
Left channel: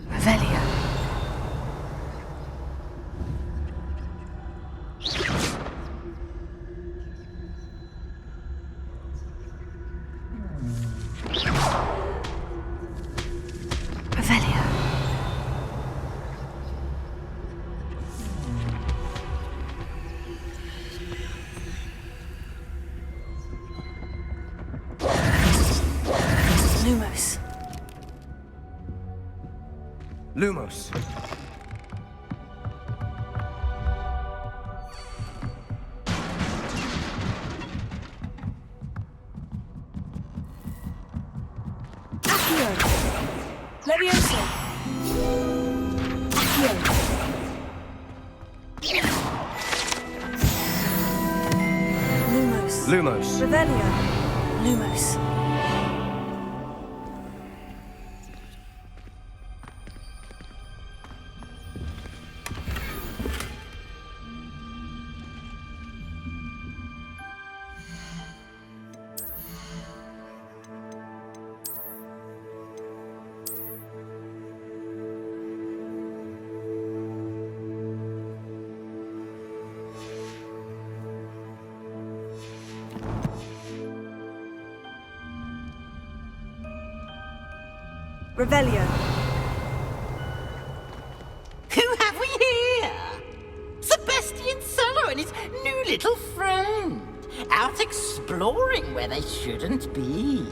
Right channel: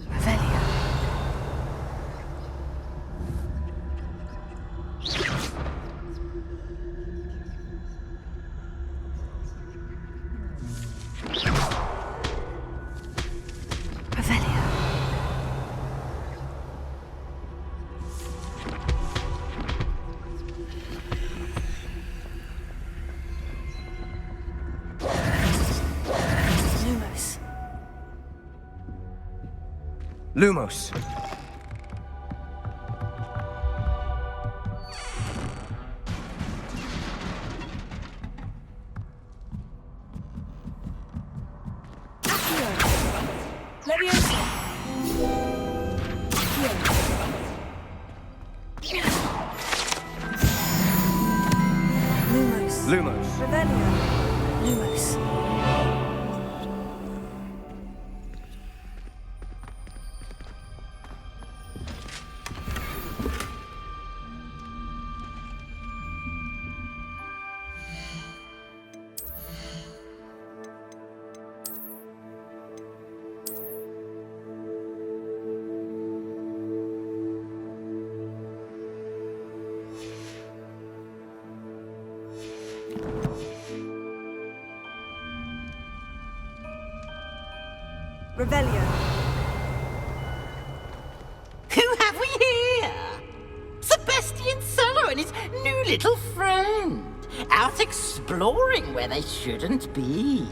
Revelio. Revelio. Lumos. Lumos. Leviosa. Lumos. Lumos. Revelio. Lumos. Revelio. Who have we here? Sebastian Solo and his new little friend. Out exploring where they shouldn't be.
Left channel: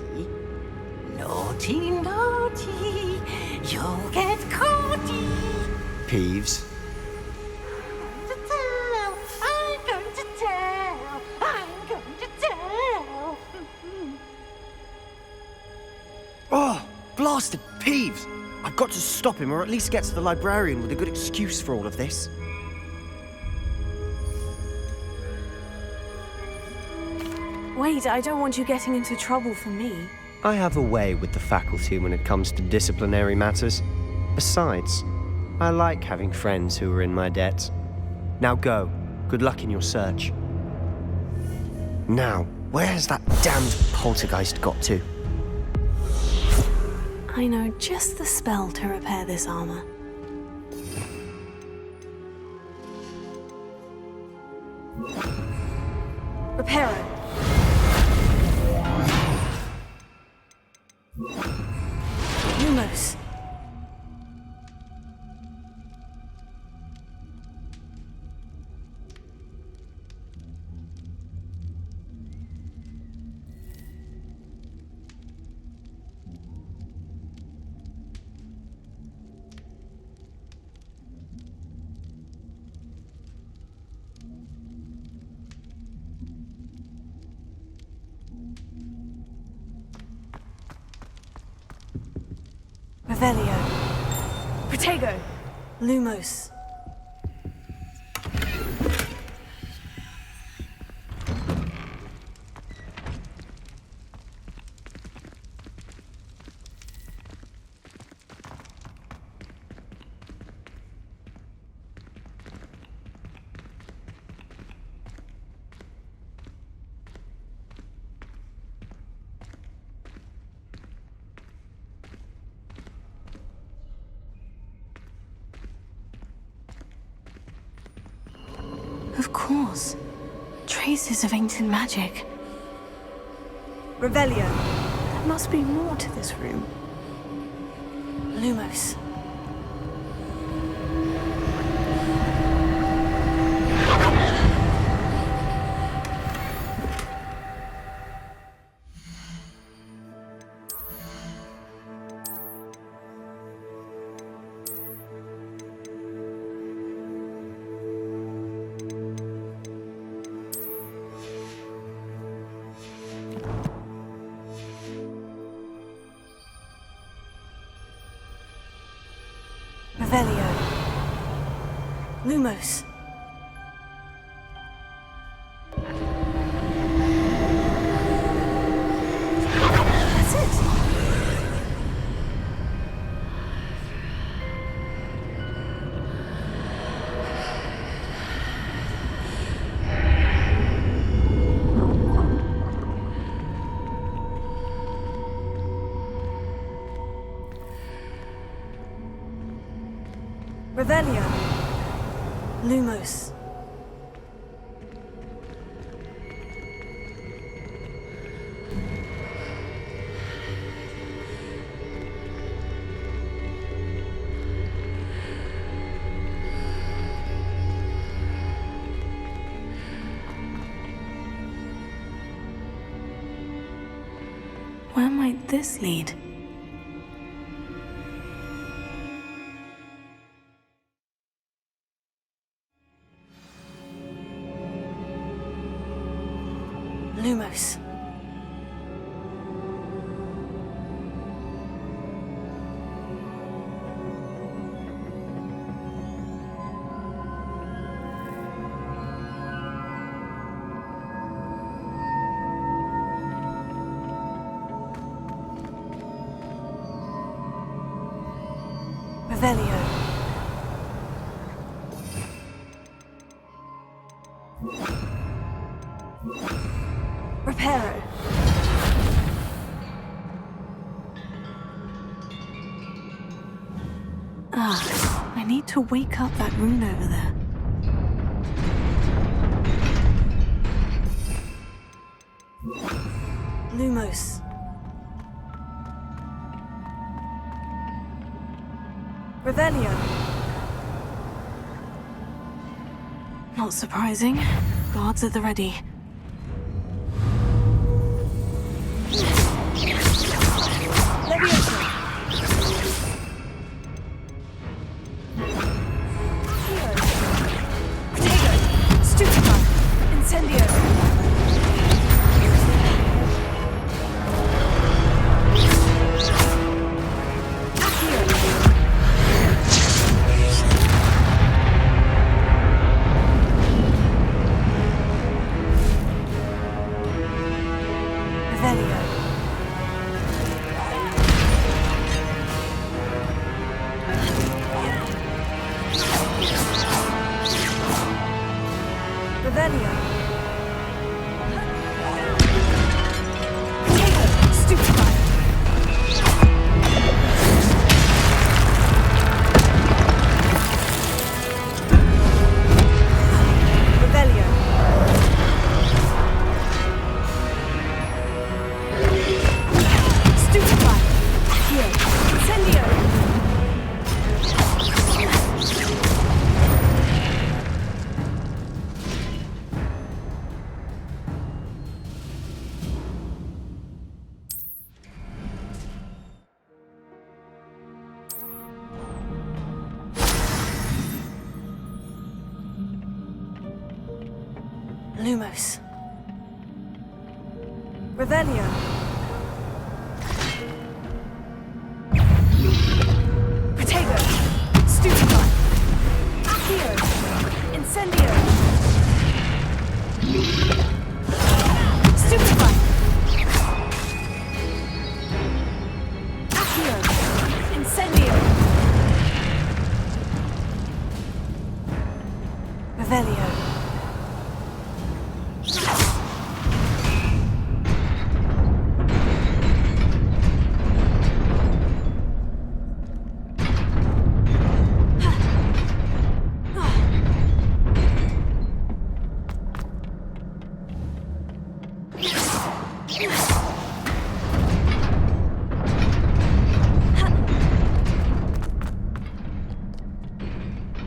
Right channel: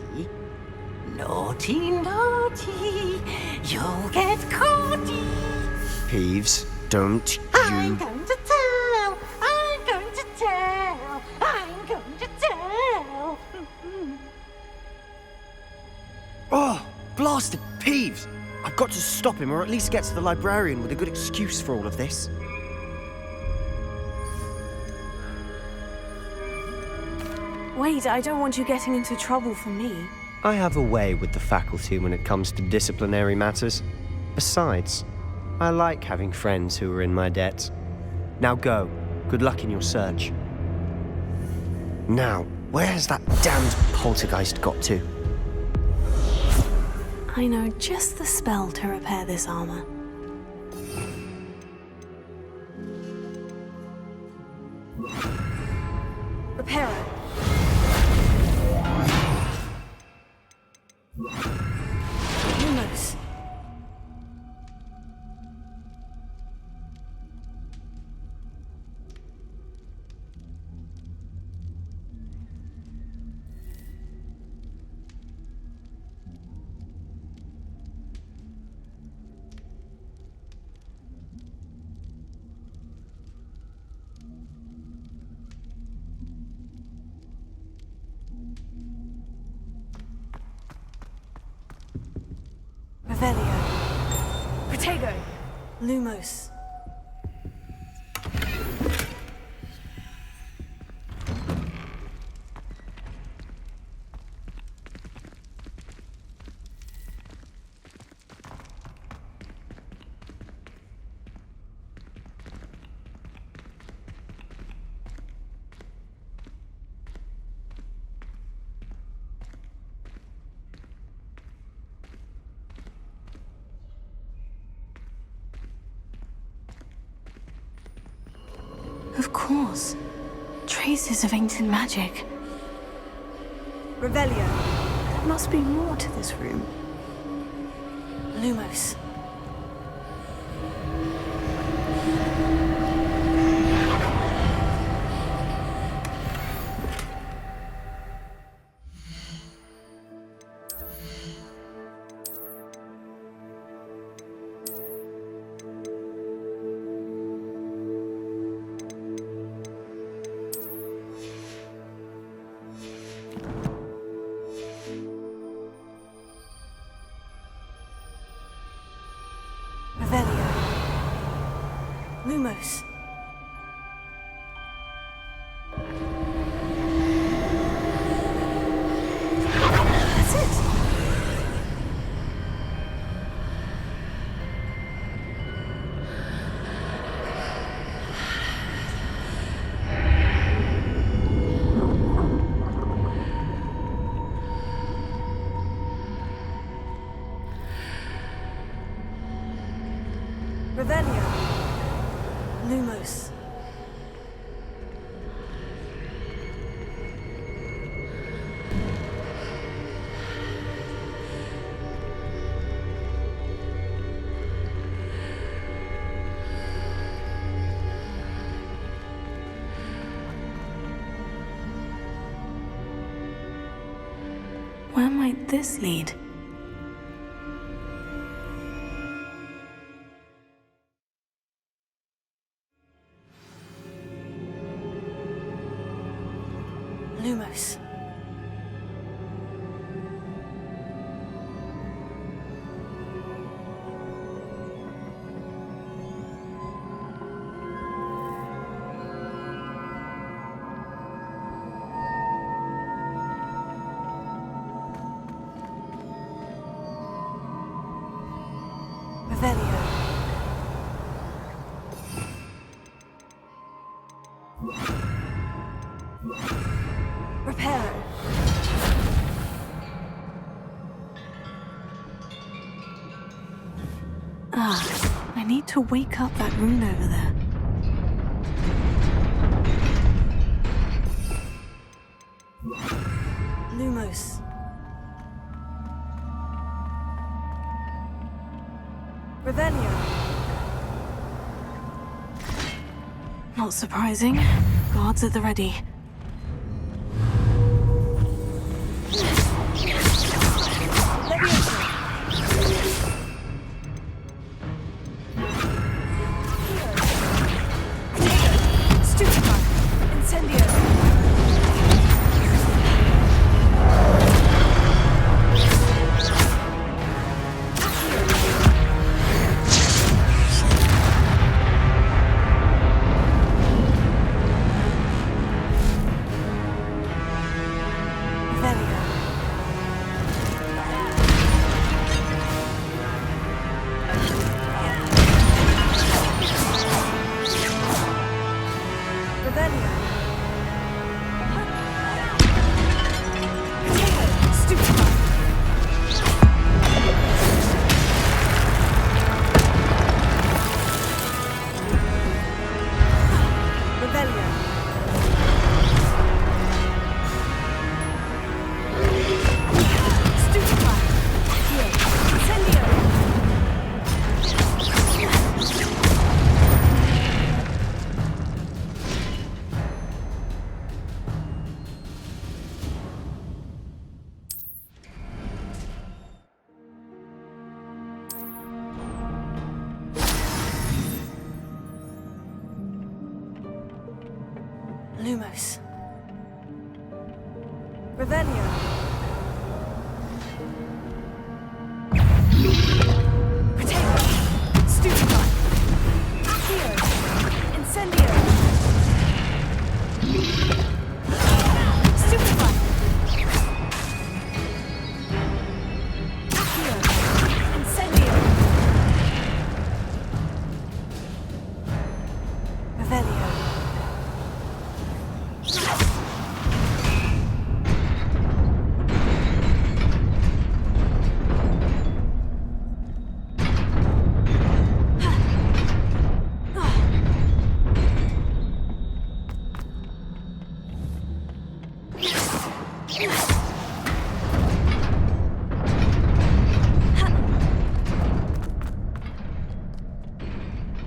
Naughty, naughty, you'll get caughty. Peeves, don't I'm going to tell, I'm going to tell, I'm going to tell. Oh, blasted Peeves! I've got to stop him, or at least get to the librarian with a good excuse for all of this. Wait, I don't want you getting into trouble for me. I have a way with the faculty when it comes to disciplinary matters. Besides, I like having friends who are in my debt. Now go. Good luck in your search. Now, where has that damned poltergeist got to? I know just the spell to repair this armor. Reparo. Lumos. Revelio. Protego. Lumos. Of course. Traces of ancient magic. Revelio. There must be more to this room. Lumos. Revelio. Lumos. That's it. Revelio. Lumos. Where might this lead? Lumos. Revelio. Reparo. I need to wake up that rune over there. Lumos. Revelio. Not surprising. Guards at the ready. Lumos. Revelio. Protego. Stupefy. Accio. Incendio. Stupefy. Accio. Incendio. Revelio.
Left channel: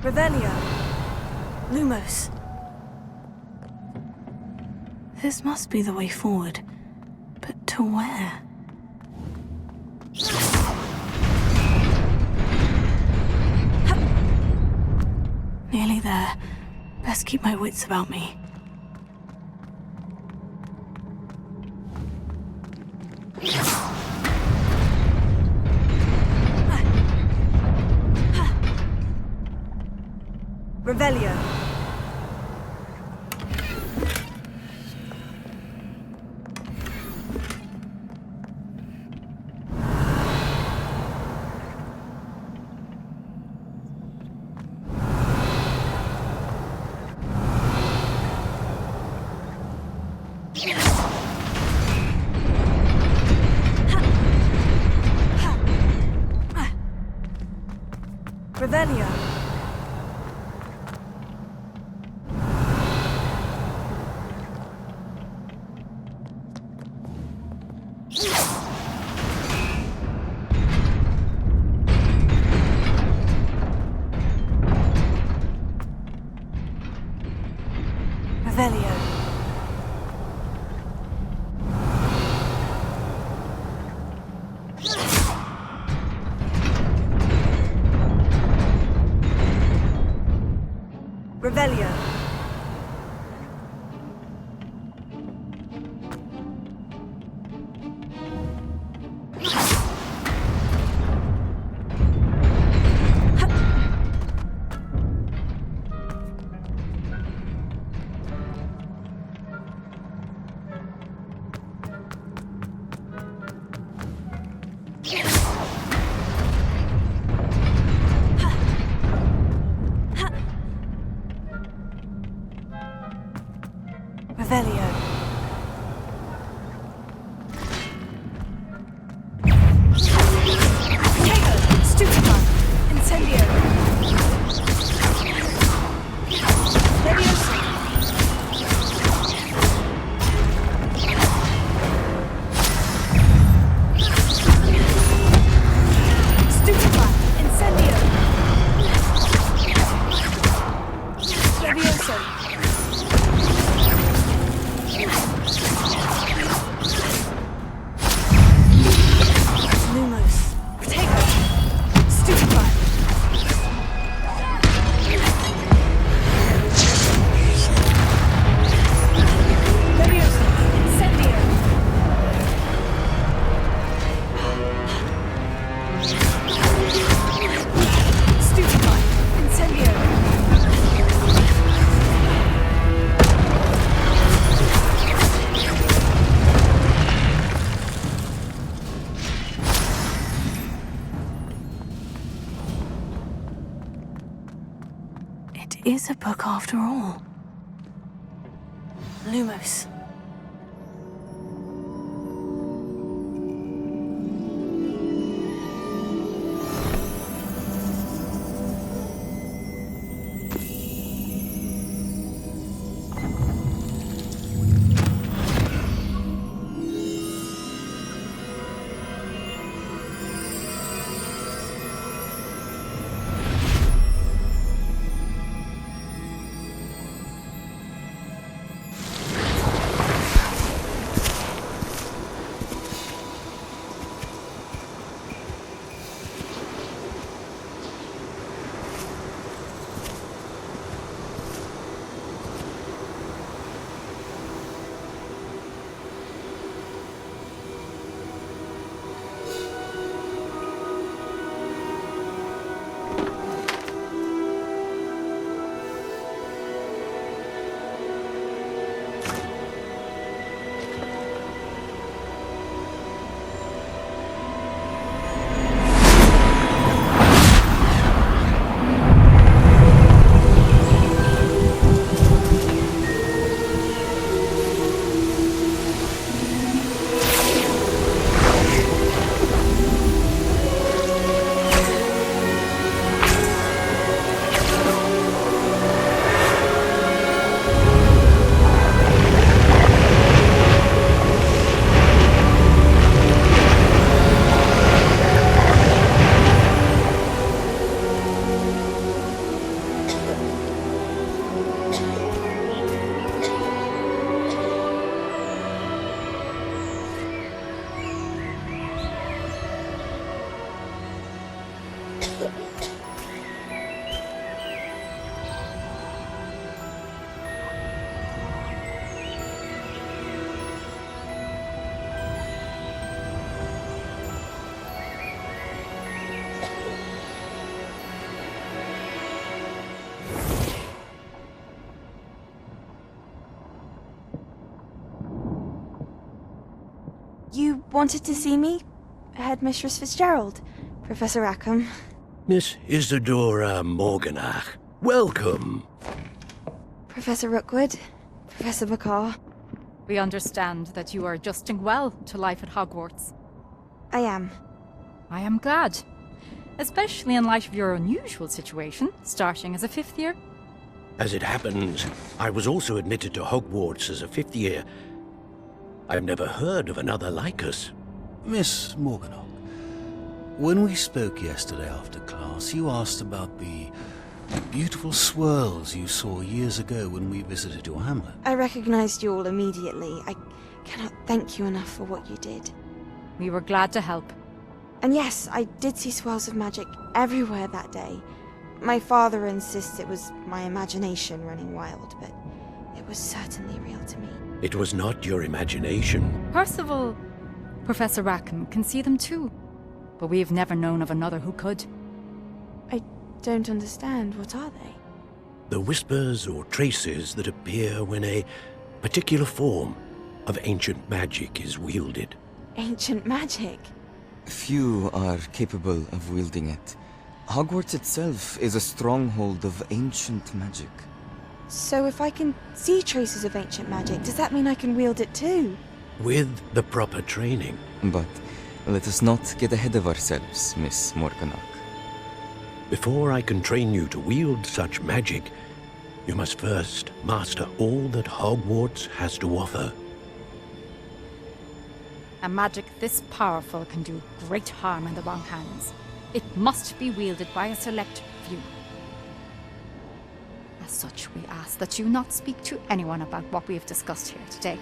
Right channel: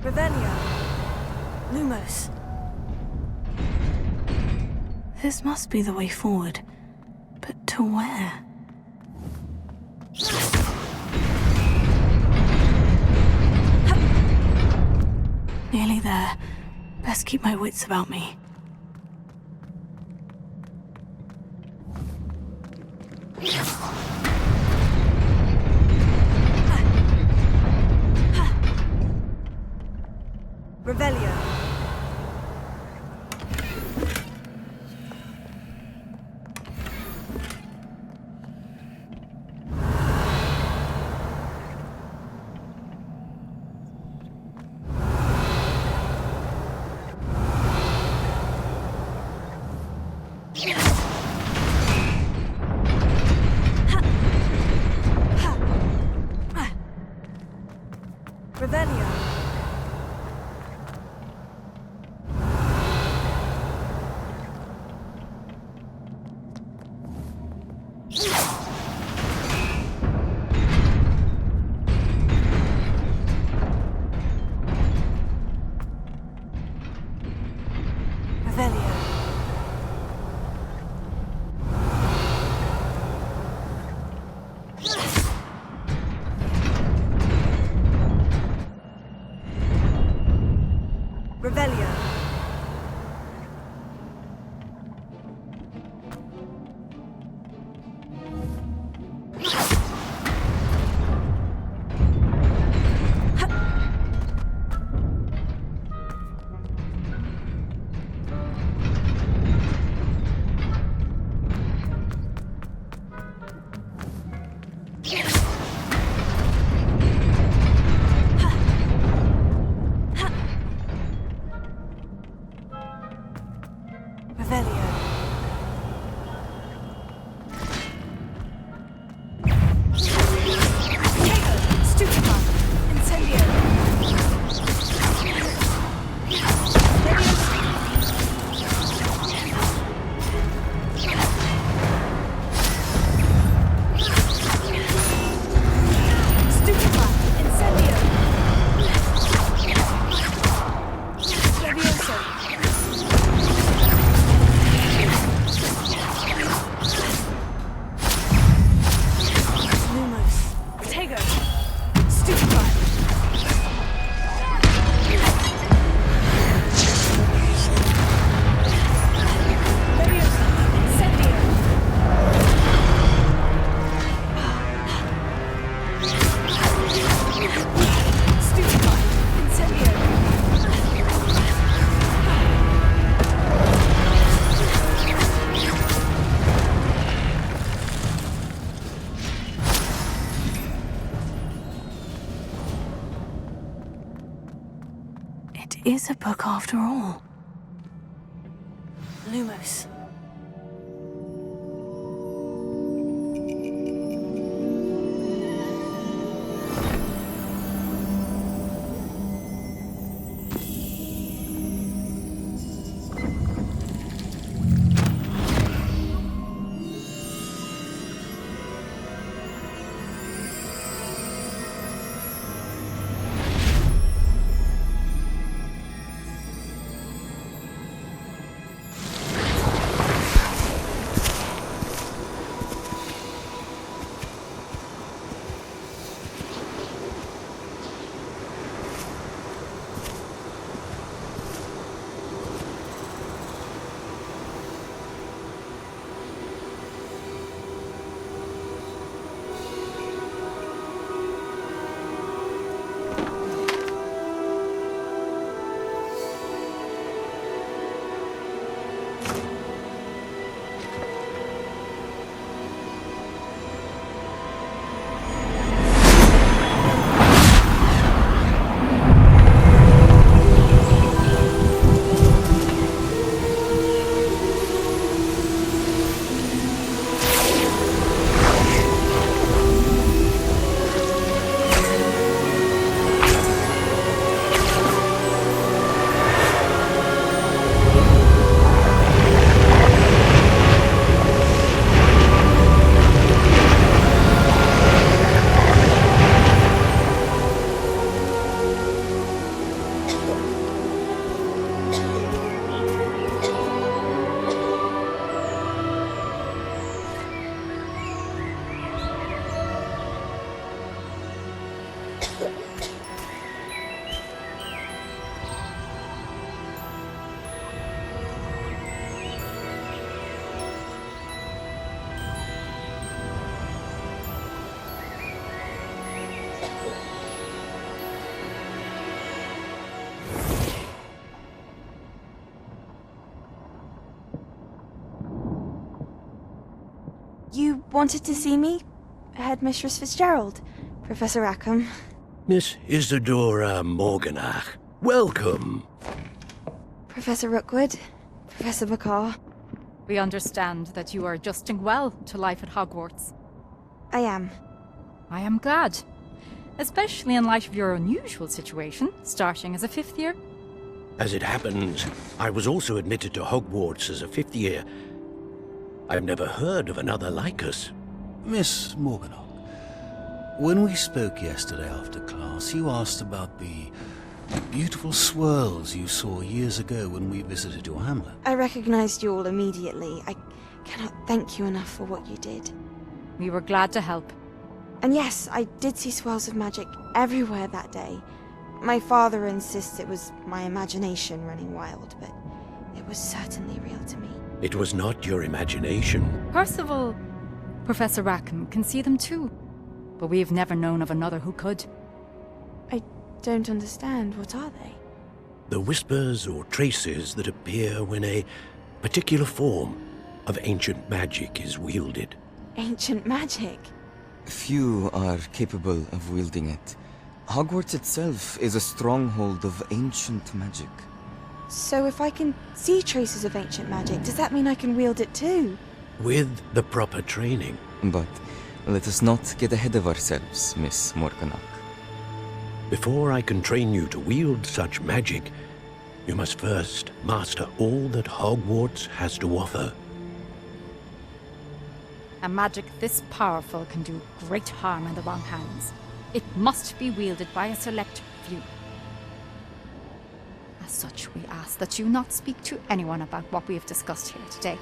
Revelio. Lumos. This must be the way forward. But to where? Nearly there. Best keep my wits about me. Revelio. Revelio. Revelio. Stupefy! Incendio! It is a book after all. Lumos. You wanted to see me? Headmistress Fitzgerald? Professor Rackham? Miss Isadora Morganach, welcome. Professor Rookwood? Professor Bakar? We understand that you are adjusting well to life at Hogwarts. I am. I am glad. Especially in light of your unusual situation, starting as a 5th year. As it happens, I was also admitted to Hogwarts as a 5th year. I've never heard of another like us. Miss Morganach, when we spoke yesterday after class, you asked about the beautiful swirls you saw years ago when we visited your hamlet. I recognized you all immediately. I cannot thank you enough for what you did. We were glad to help. And yes, I did see swirls of magic everywhere that day. My father insists it was my imagination running wild, but it was certainly real to me. It was not your imagination. Percival, Professor Rackham can see them too. But we've never known of another who could. I don't understand. What are they? The whispers or traces that appear when a particular form of ancient magic is wielded. Ancient magic? Few are capable of wielding it. Hogwarts itself is a stronghold of ancient magic. So if I can see traces of ancient magic, does that mean I can wield it too? With the proper training. But let us not get ahead of ourselves, Miss Morganach. Before I can train you to wield such magic, you must first master all that Hogwarts has to offer. A magic this powerful can do great harm in the wrong hands. It must be wielded by a select few. As such, we ask that you not speak to anyone about what we have discussed here today.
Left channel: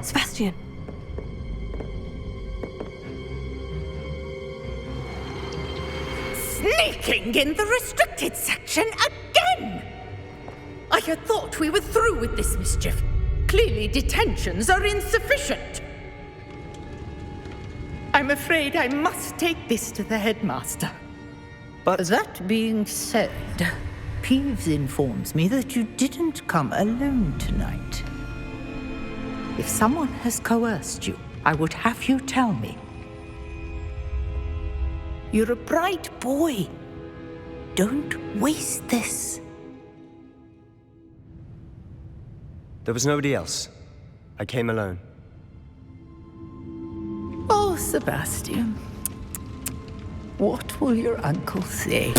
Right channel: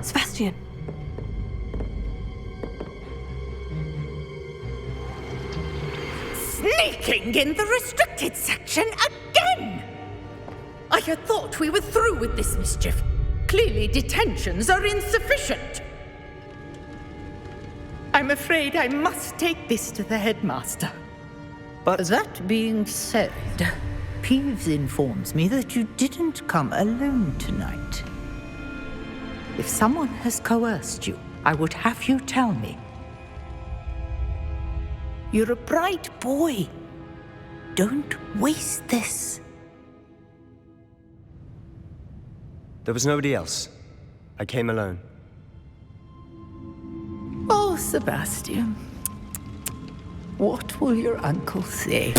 Sebastian. Sneaking in the restricted section again! I had thought we were through with this mischief. Clearly detentions are insufficient. I'm afraid I must take this to the headmaster. But that being said, Peeves informs me that you didn't come alone tonight. If someone has coerced you, I would have you tell me. You're a bright boy. Don't waste this. there was nobody else. I came alone. Oh, Sebastian. What will your uncle say?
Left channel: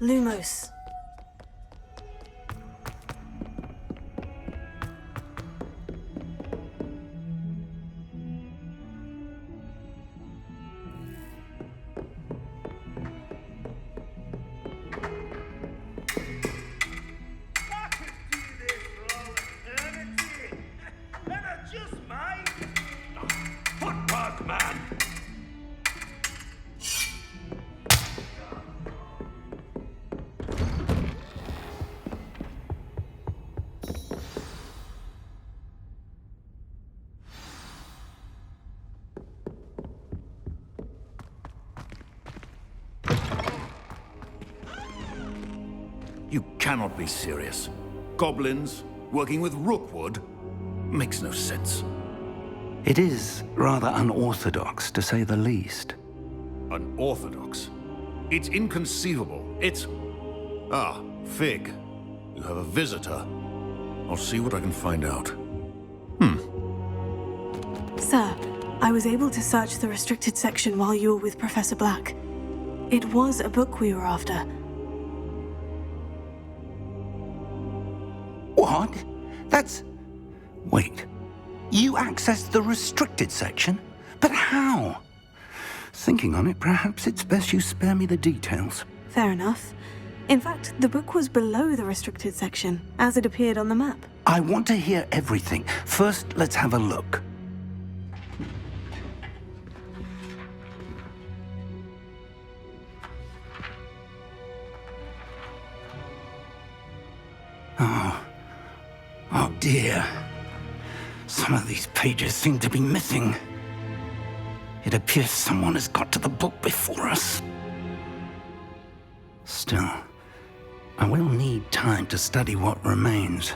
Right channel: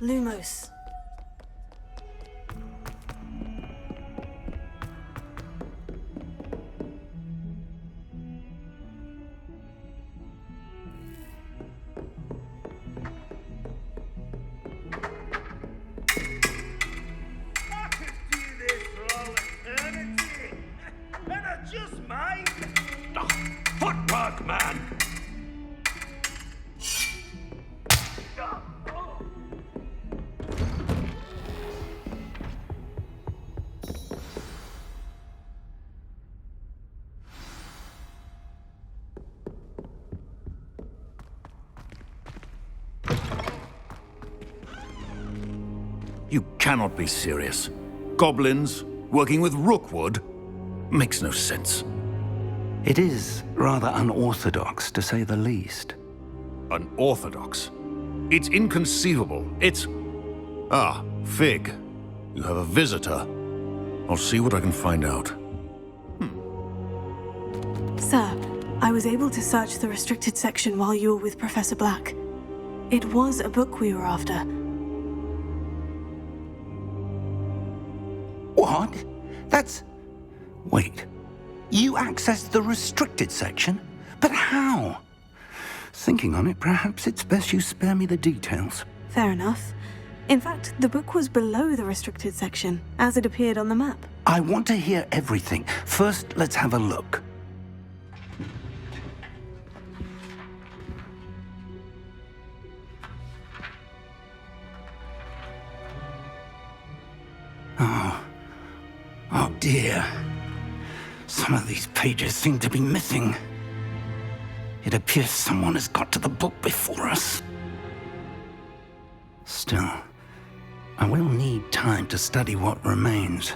Lumos. Footwork, man! You cannot be serious. Goblins working with Rookwood? Makes no sense. It is rather unorthodox, to say the least. Unorthodox? It's inconceivable. It's... Ah, Fig. You have a visitor. I'll see what I can find out. Sir, I was able to search the restricted section while you were with Professor Black. It was a book we were after. What? That's... Wait. You accessed the restricted section? But how? Thinking on it, perhaps it's best you spare me the details. Fair enough. In fact, the book was below the restricted section, as it appeared on the map. I want to hear everything. First, let's have a look. Oh dear. Some of these pages seem to be missing. It appears someone has got to the book before us. Still, I will need time to study what remains.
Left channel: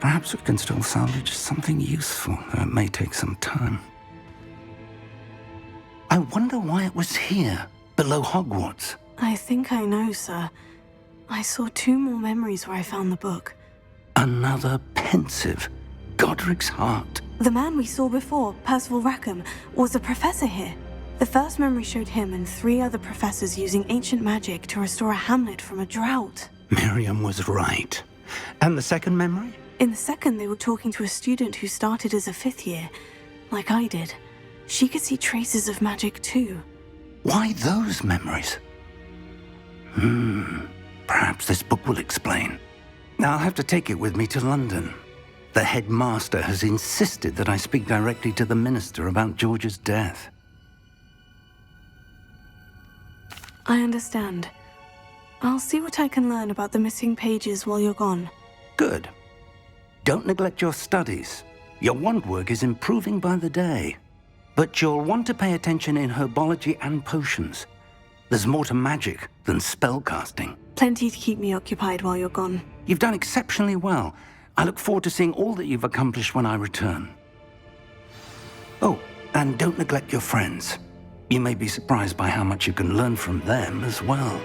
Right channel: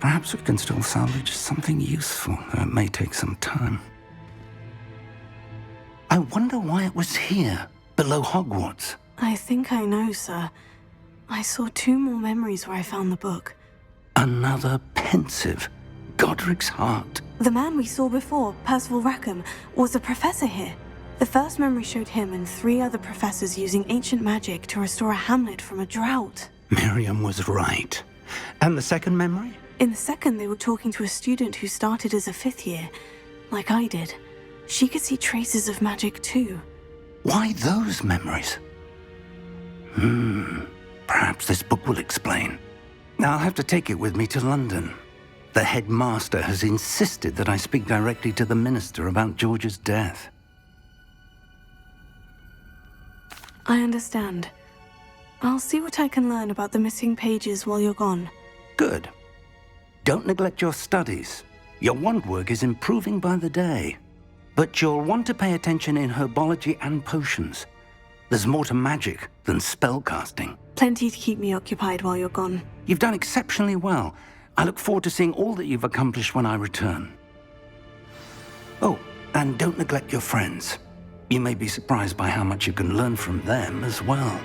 Perhaps we can still salvage something useful, though it may take some time. I wonder why it was here, below Hogwarts. I think I know, sir. I saw 2 more memories where I found the book. Another pensive. Godric's heart. The man we saw before, Percival Rackham, was a professor here. The first memory showed him and 3 other professors using ancient magic to restore a hamlet from a drought. Miriam was right. And the second memory? In the second, they were talking to a student who started as a 5th year, like I did. She could see traces of magic too. Why those memories? Perhaps this book will explain. I'll have to take it with me to London. The headmaster has insisted that I speak directly to the minister about George's death. I understand. I'll see what I can learn about the missing pages while you're gone. Good. Don't neglect your studies. Your wand work is improving by the day. But you'll want to pay attention in herbology and potions. There's more to magic than spellcasting. Plenty to keep me occupied while you're gone. You've done exceptionally well. I look forward to seeing all that you've accomplished when I return. Oh, and don't neglect your friends. You may be surprised by how much you can learn from them as well.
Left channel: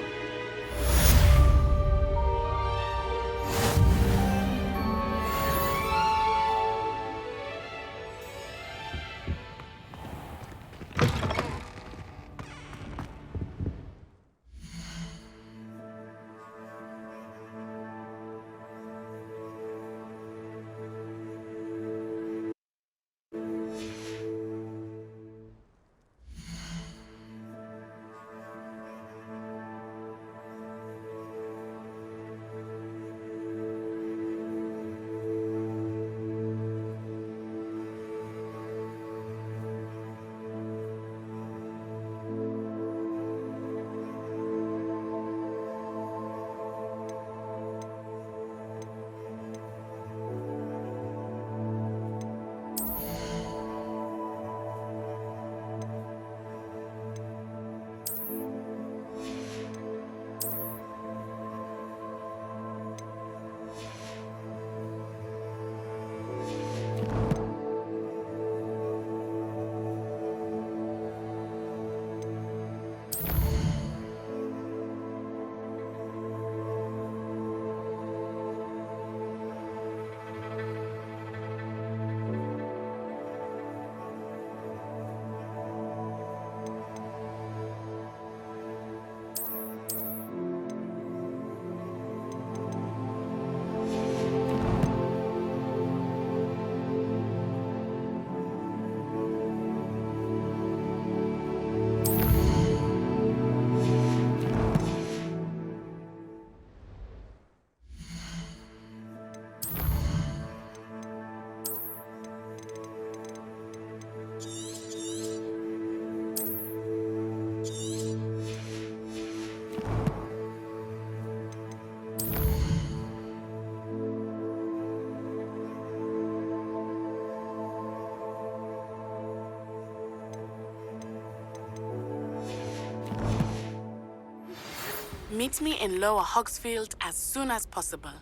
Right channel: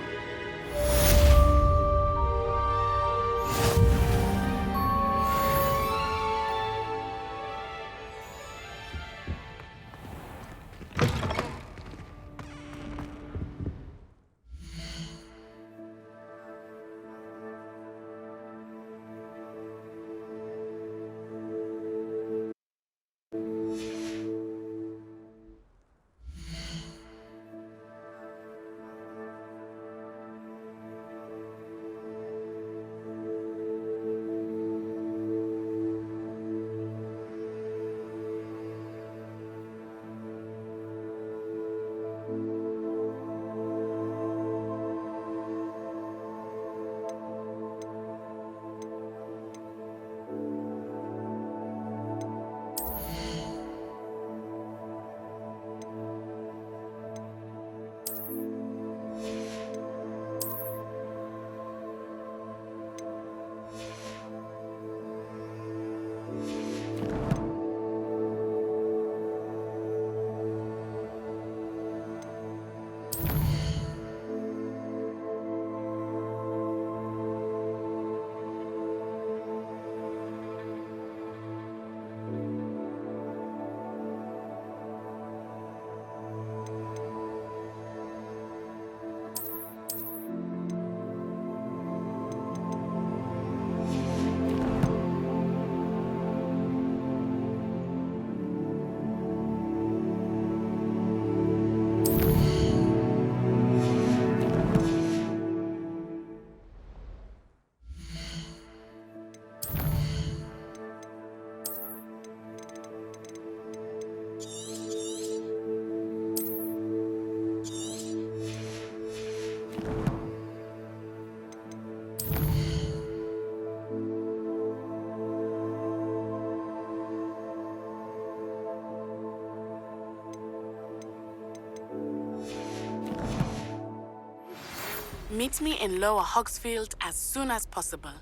Meet me in Lower Hogsfield as soon as possible.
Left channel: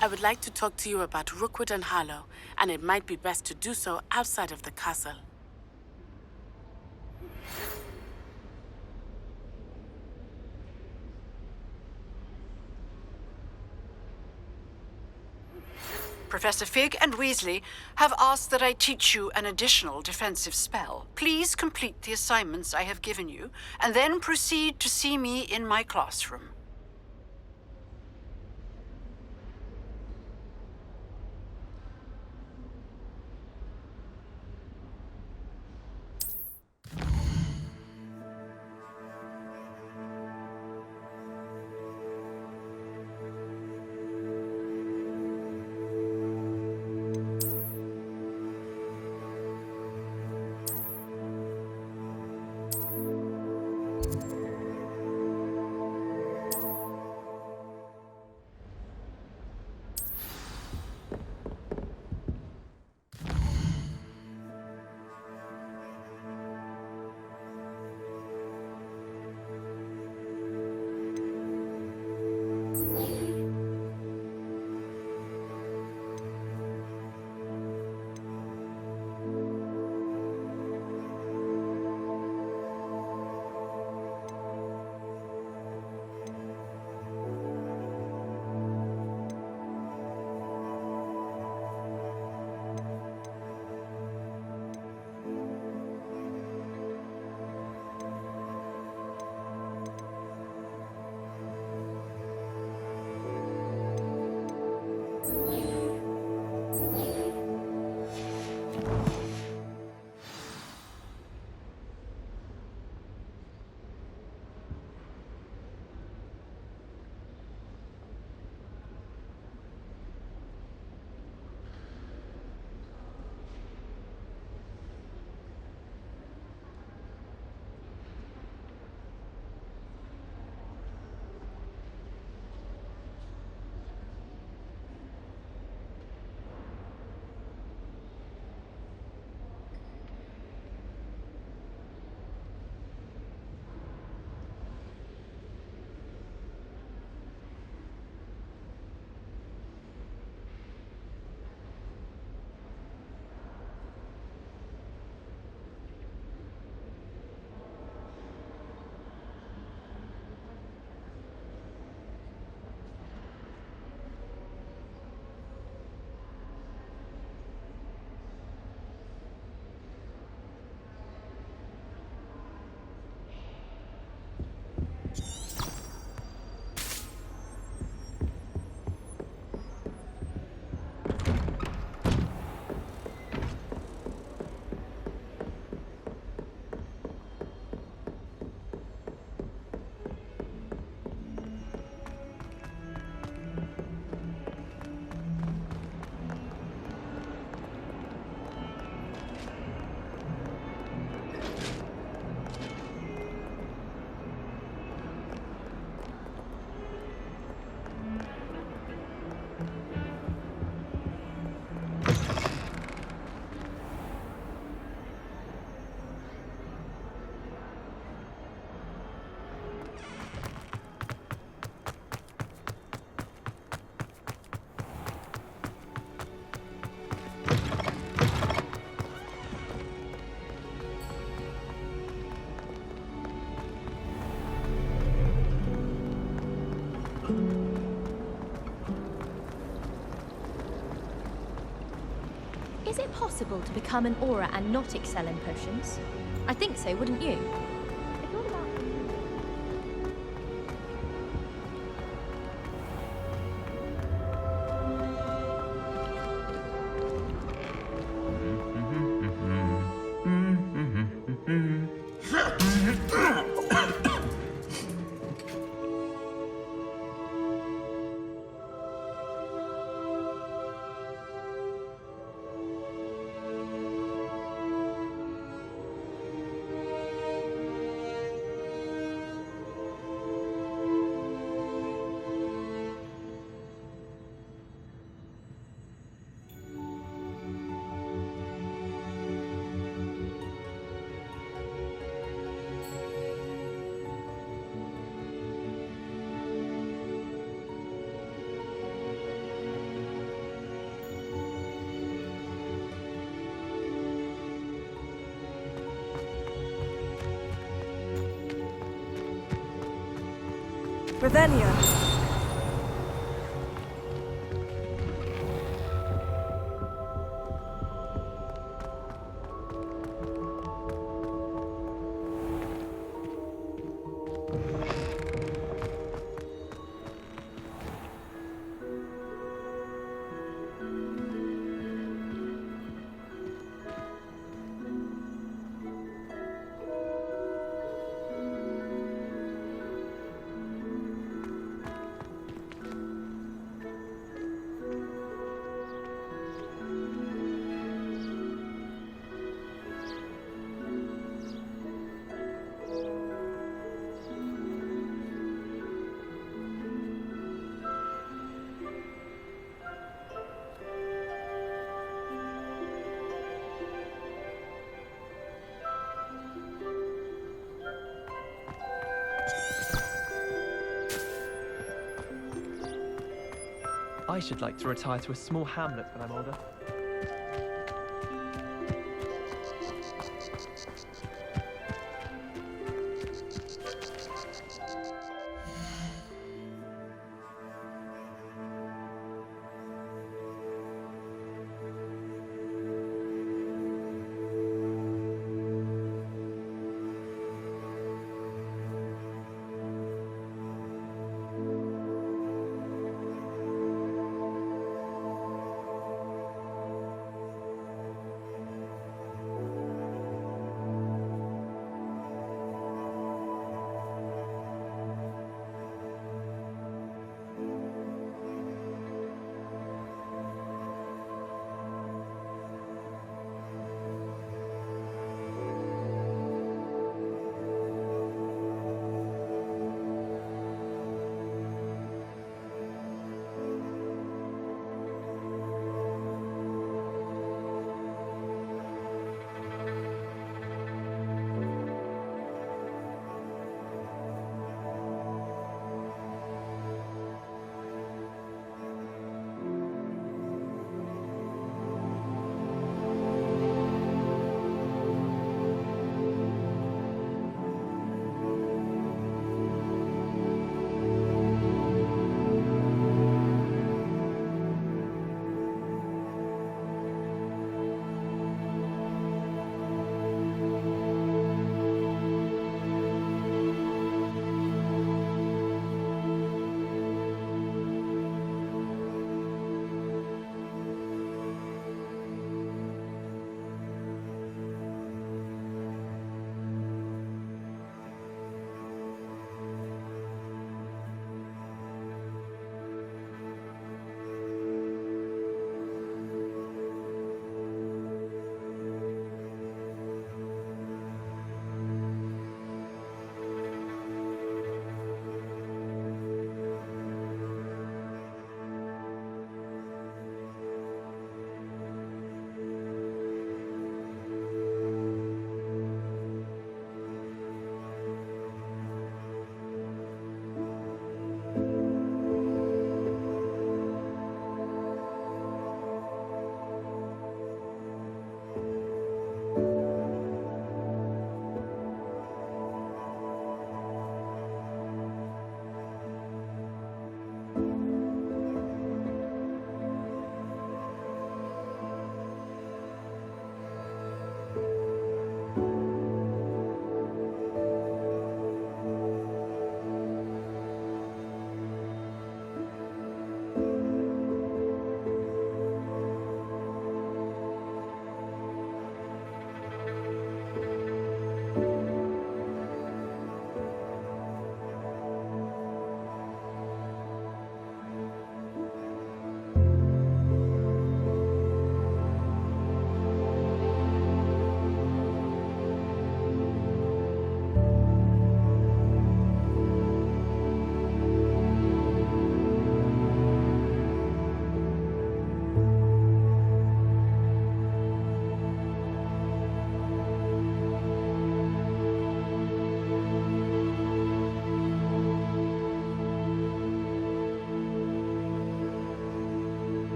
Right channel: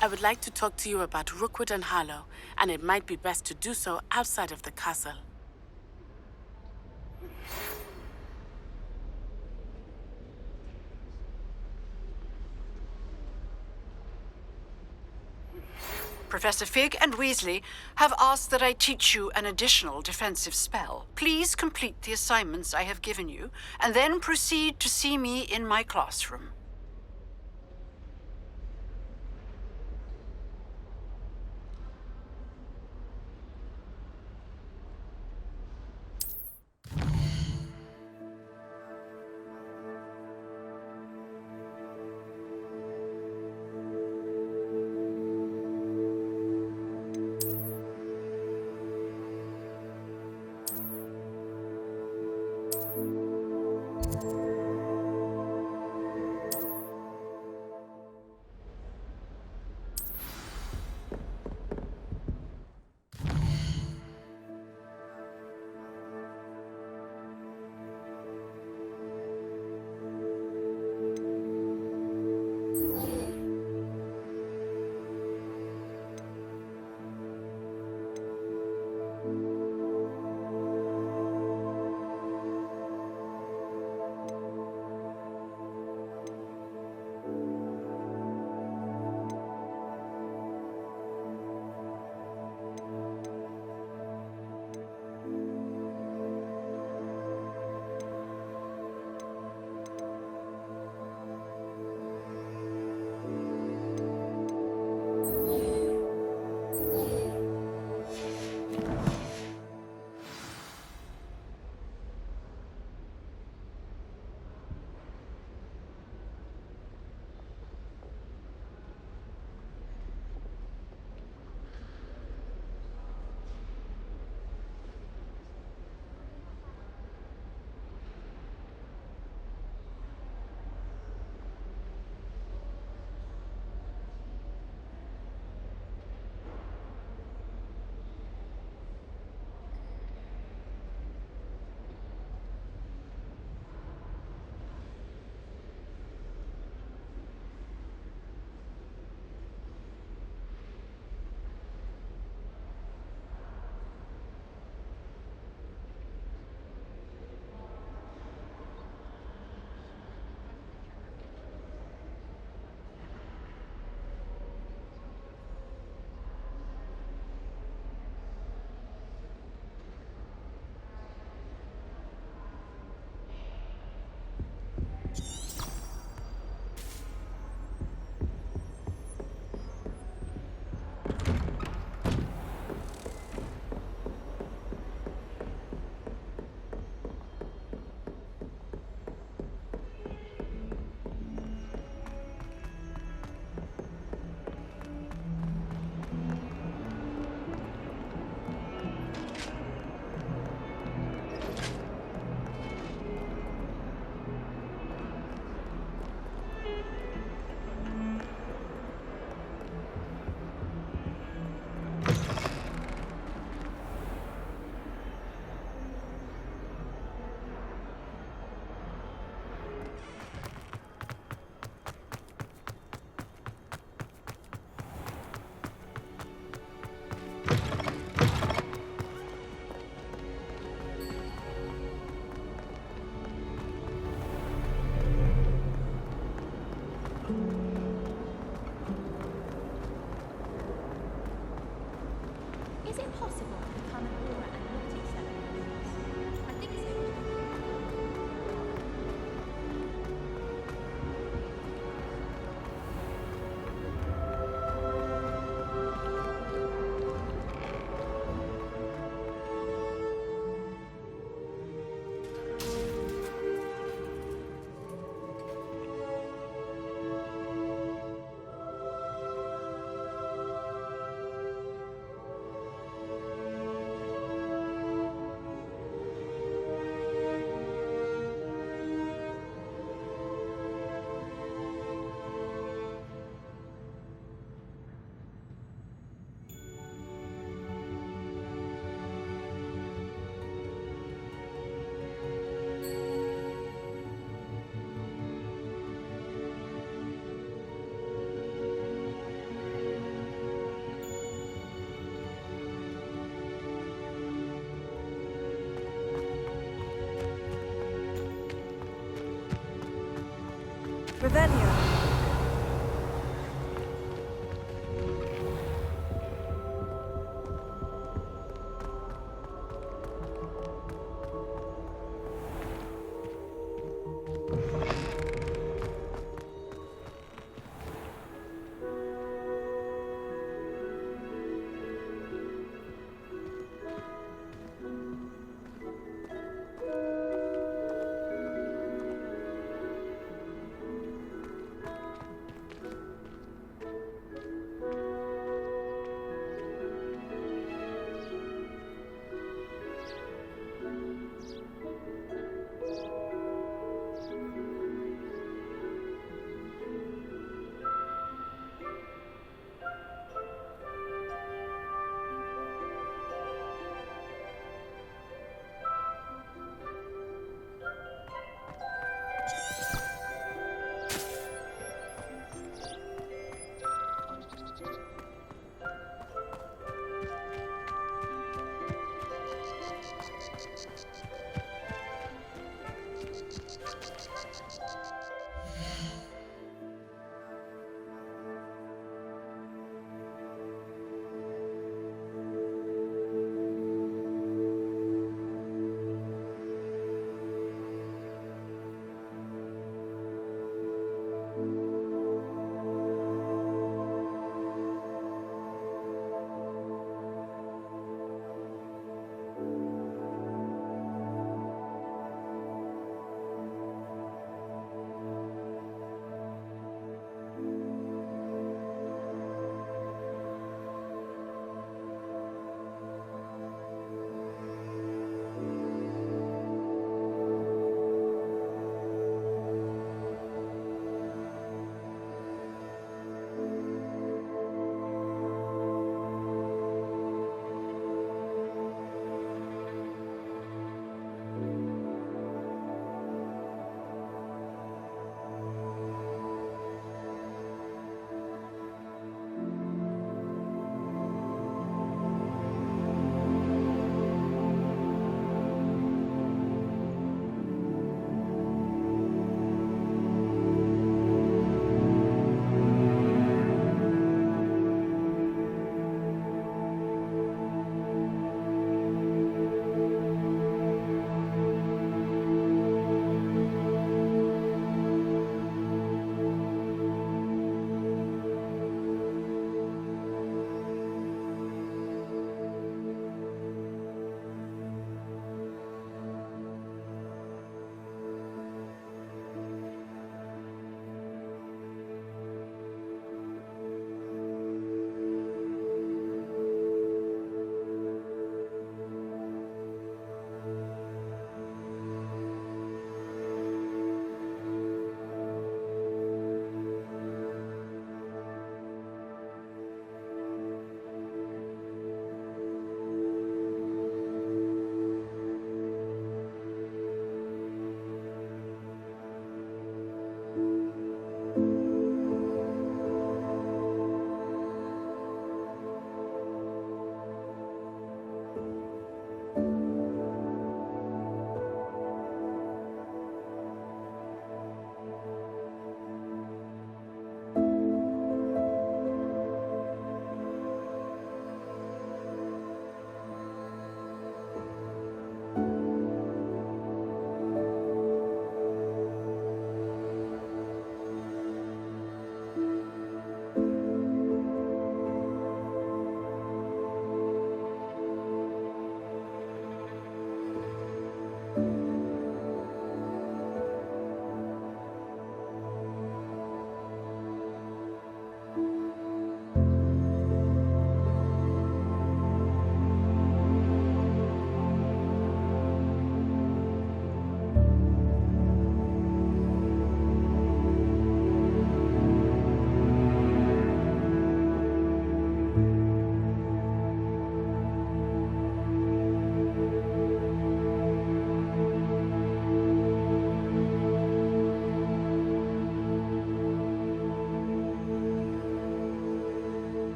I would like to talk to you about Rookwood and Harlow, and it might be best to do so outside of the castle. Professor Fig and Weasley have asked that I teach you an additional defensive spell. Please complete the assignments I have given you, and then proceed to see me in my classroom. Is it possible to become an aura and not excel in potions? I think so, wouldn't you? Revelio. I should like to retire to a small hamlet when I'm older.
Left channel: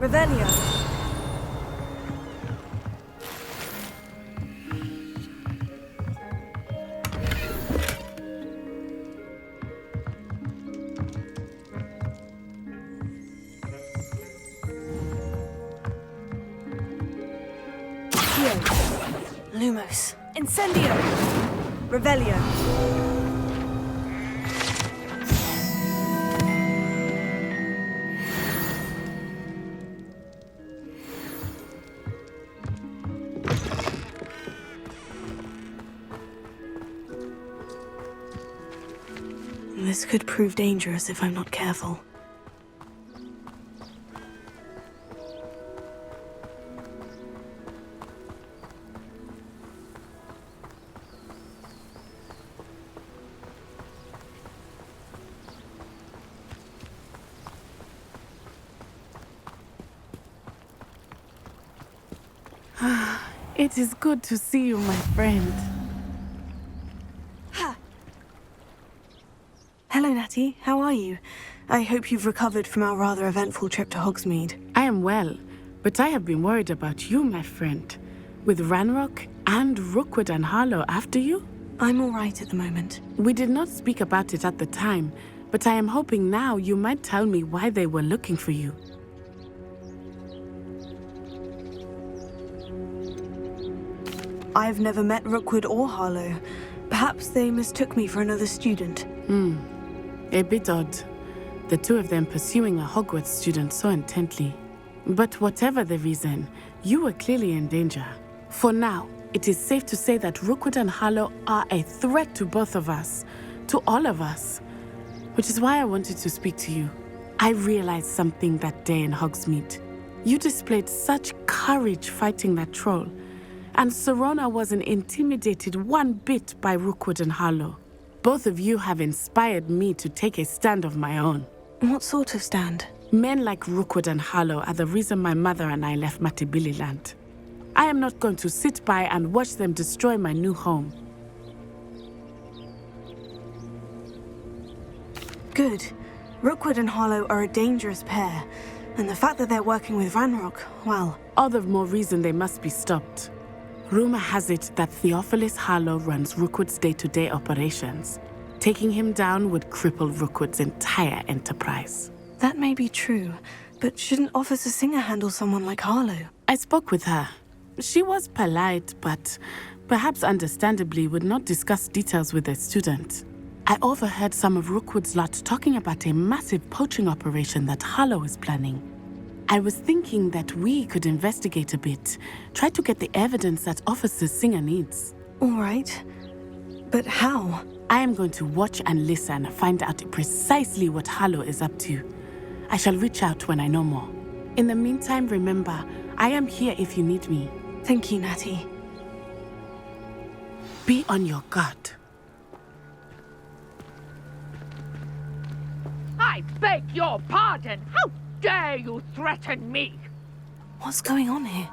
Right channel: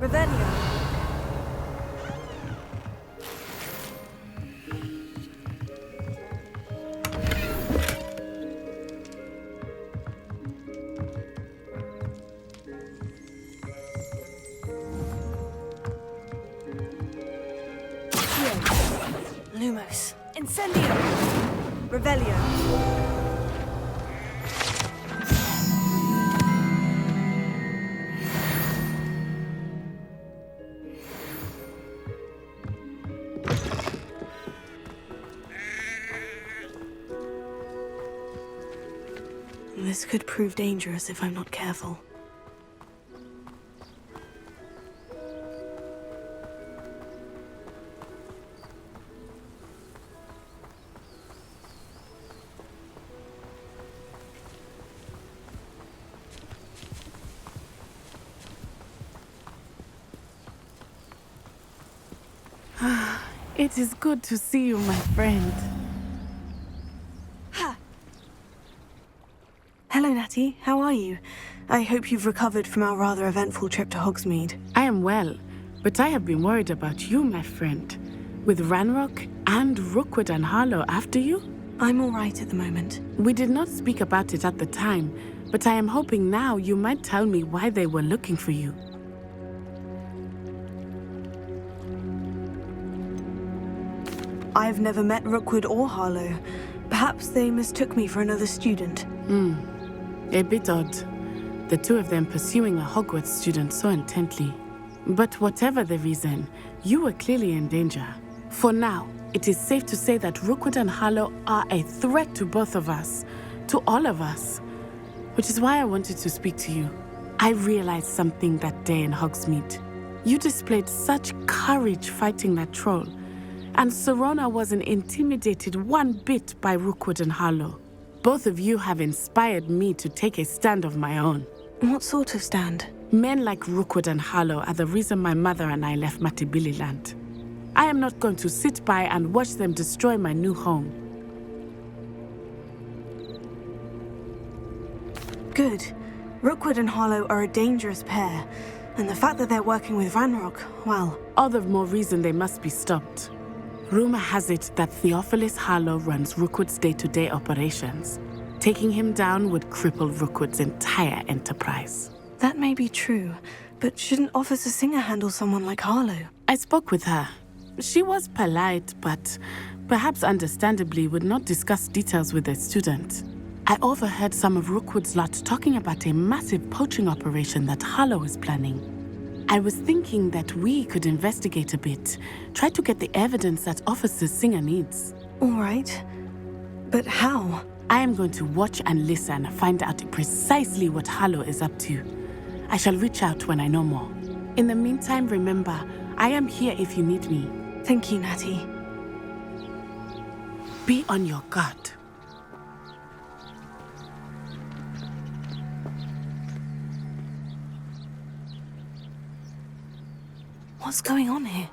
Revelio. Lumos. Incendio. Revelio. This could prove dangerous if I'm not careful. It is good to see you, my friend. Hello, Natty. How are you? I hope you've recovered from our rather eventful trip to Hogsmeade. I am well, but I have been worried about you, my friend. With Ranrock and Rookwood and Harlow after you? I'm all right at the moment. We did not speak about it at the time, but I am hoping now you might tell me why they were looking for you. I've never met Rookwood or Harlow. Perhaps they mistook me for another student. A bit odd. The two of them pursuing a Hogwarts student so intently. But whatever the reason, you were clearly in danger. For now, it is safe to say that Rookwood and Harlow are a threat to both of us. To all of us. Which is why I wanted to speak to you. I realized something that day in Hogsmeade. You displayed such courage fighting that troll. And Serona wasn't intimidated one bit by Rookwood and Harlow. Both of you have inspired me to take a stand of my own. What sort of stand? Men like Rookwood and Harlow are the reason my mother and I left Matibili Land. I am not going to sit by and watch them destroy my new home. Good. Rookwood and Harlow are a dangerous pair. And the fact that they're working with Ranrock, well... All the more reason they must be stopped. Rumor has it that Theophilus Harlow runs Rookwood's day-to-day operations. Taking him down would cripple Rookwood's entire enterprise. That may be true, but shouldn't Officer Singer handle someone like Harlow? I spoke with her. She was polite, but perhaps understandably would not discuss details with a student. I overheard some of Rookwood's lot talking about a massive poaching operation that Harlow is planning. I was thinking that we could investigate a bit, try to get the evidence that Officer Singer needs. All right. But how? I am going to watch and listen, find out precisely what Harlow is up to. I shall reach out when I know more. In the meantime, remember, I am here if you need me. Thank you, Natty. Be on your guard. I beg your pardon. How dare you threaten me? What's going on here?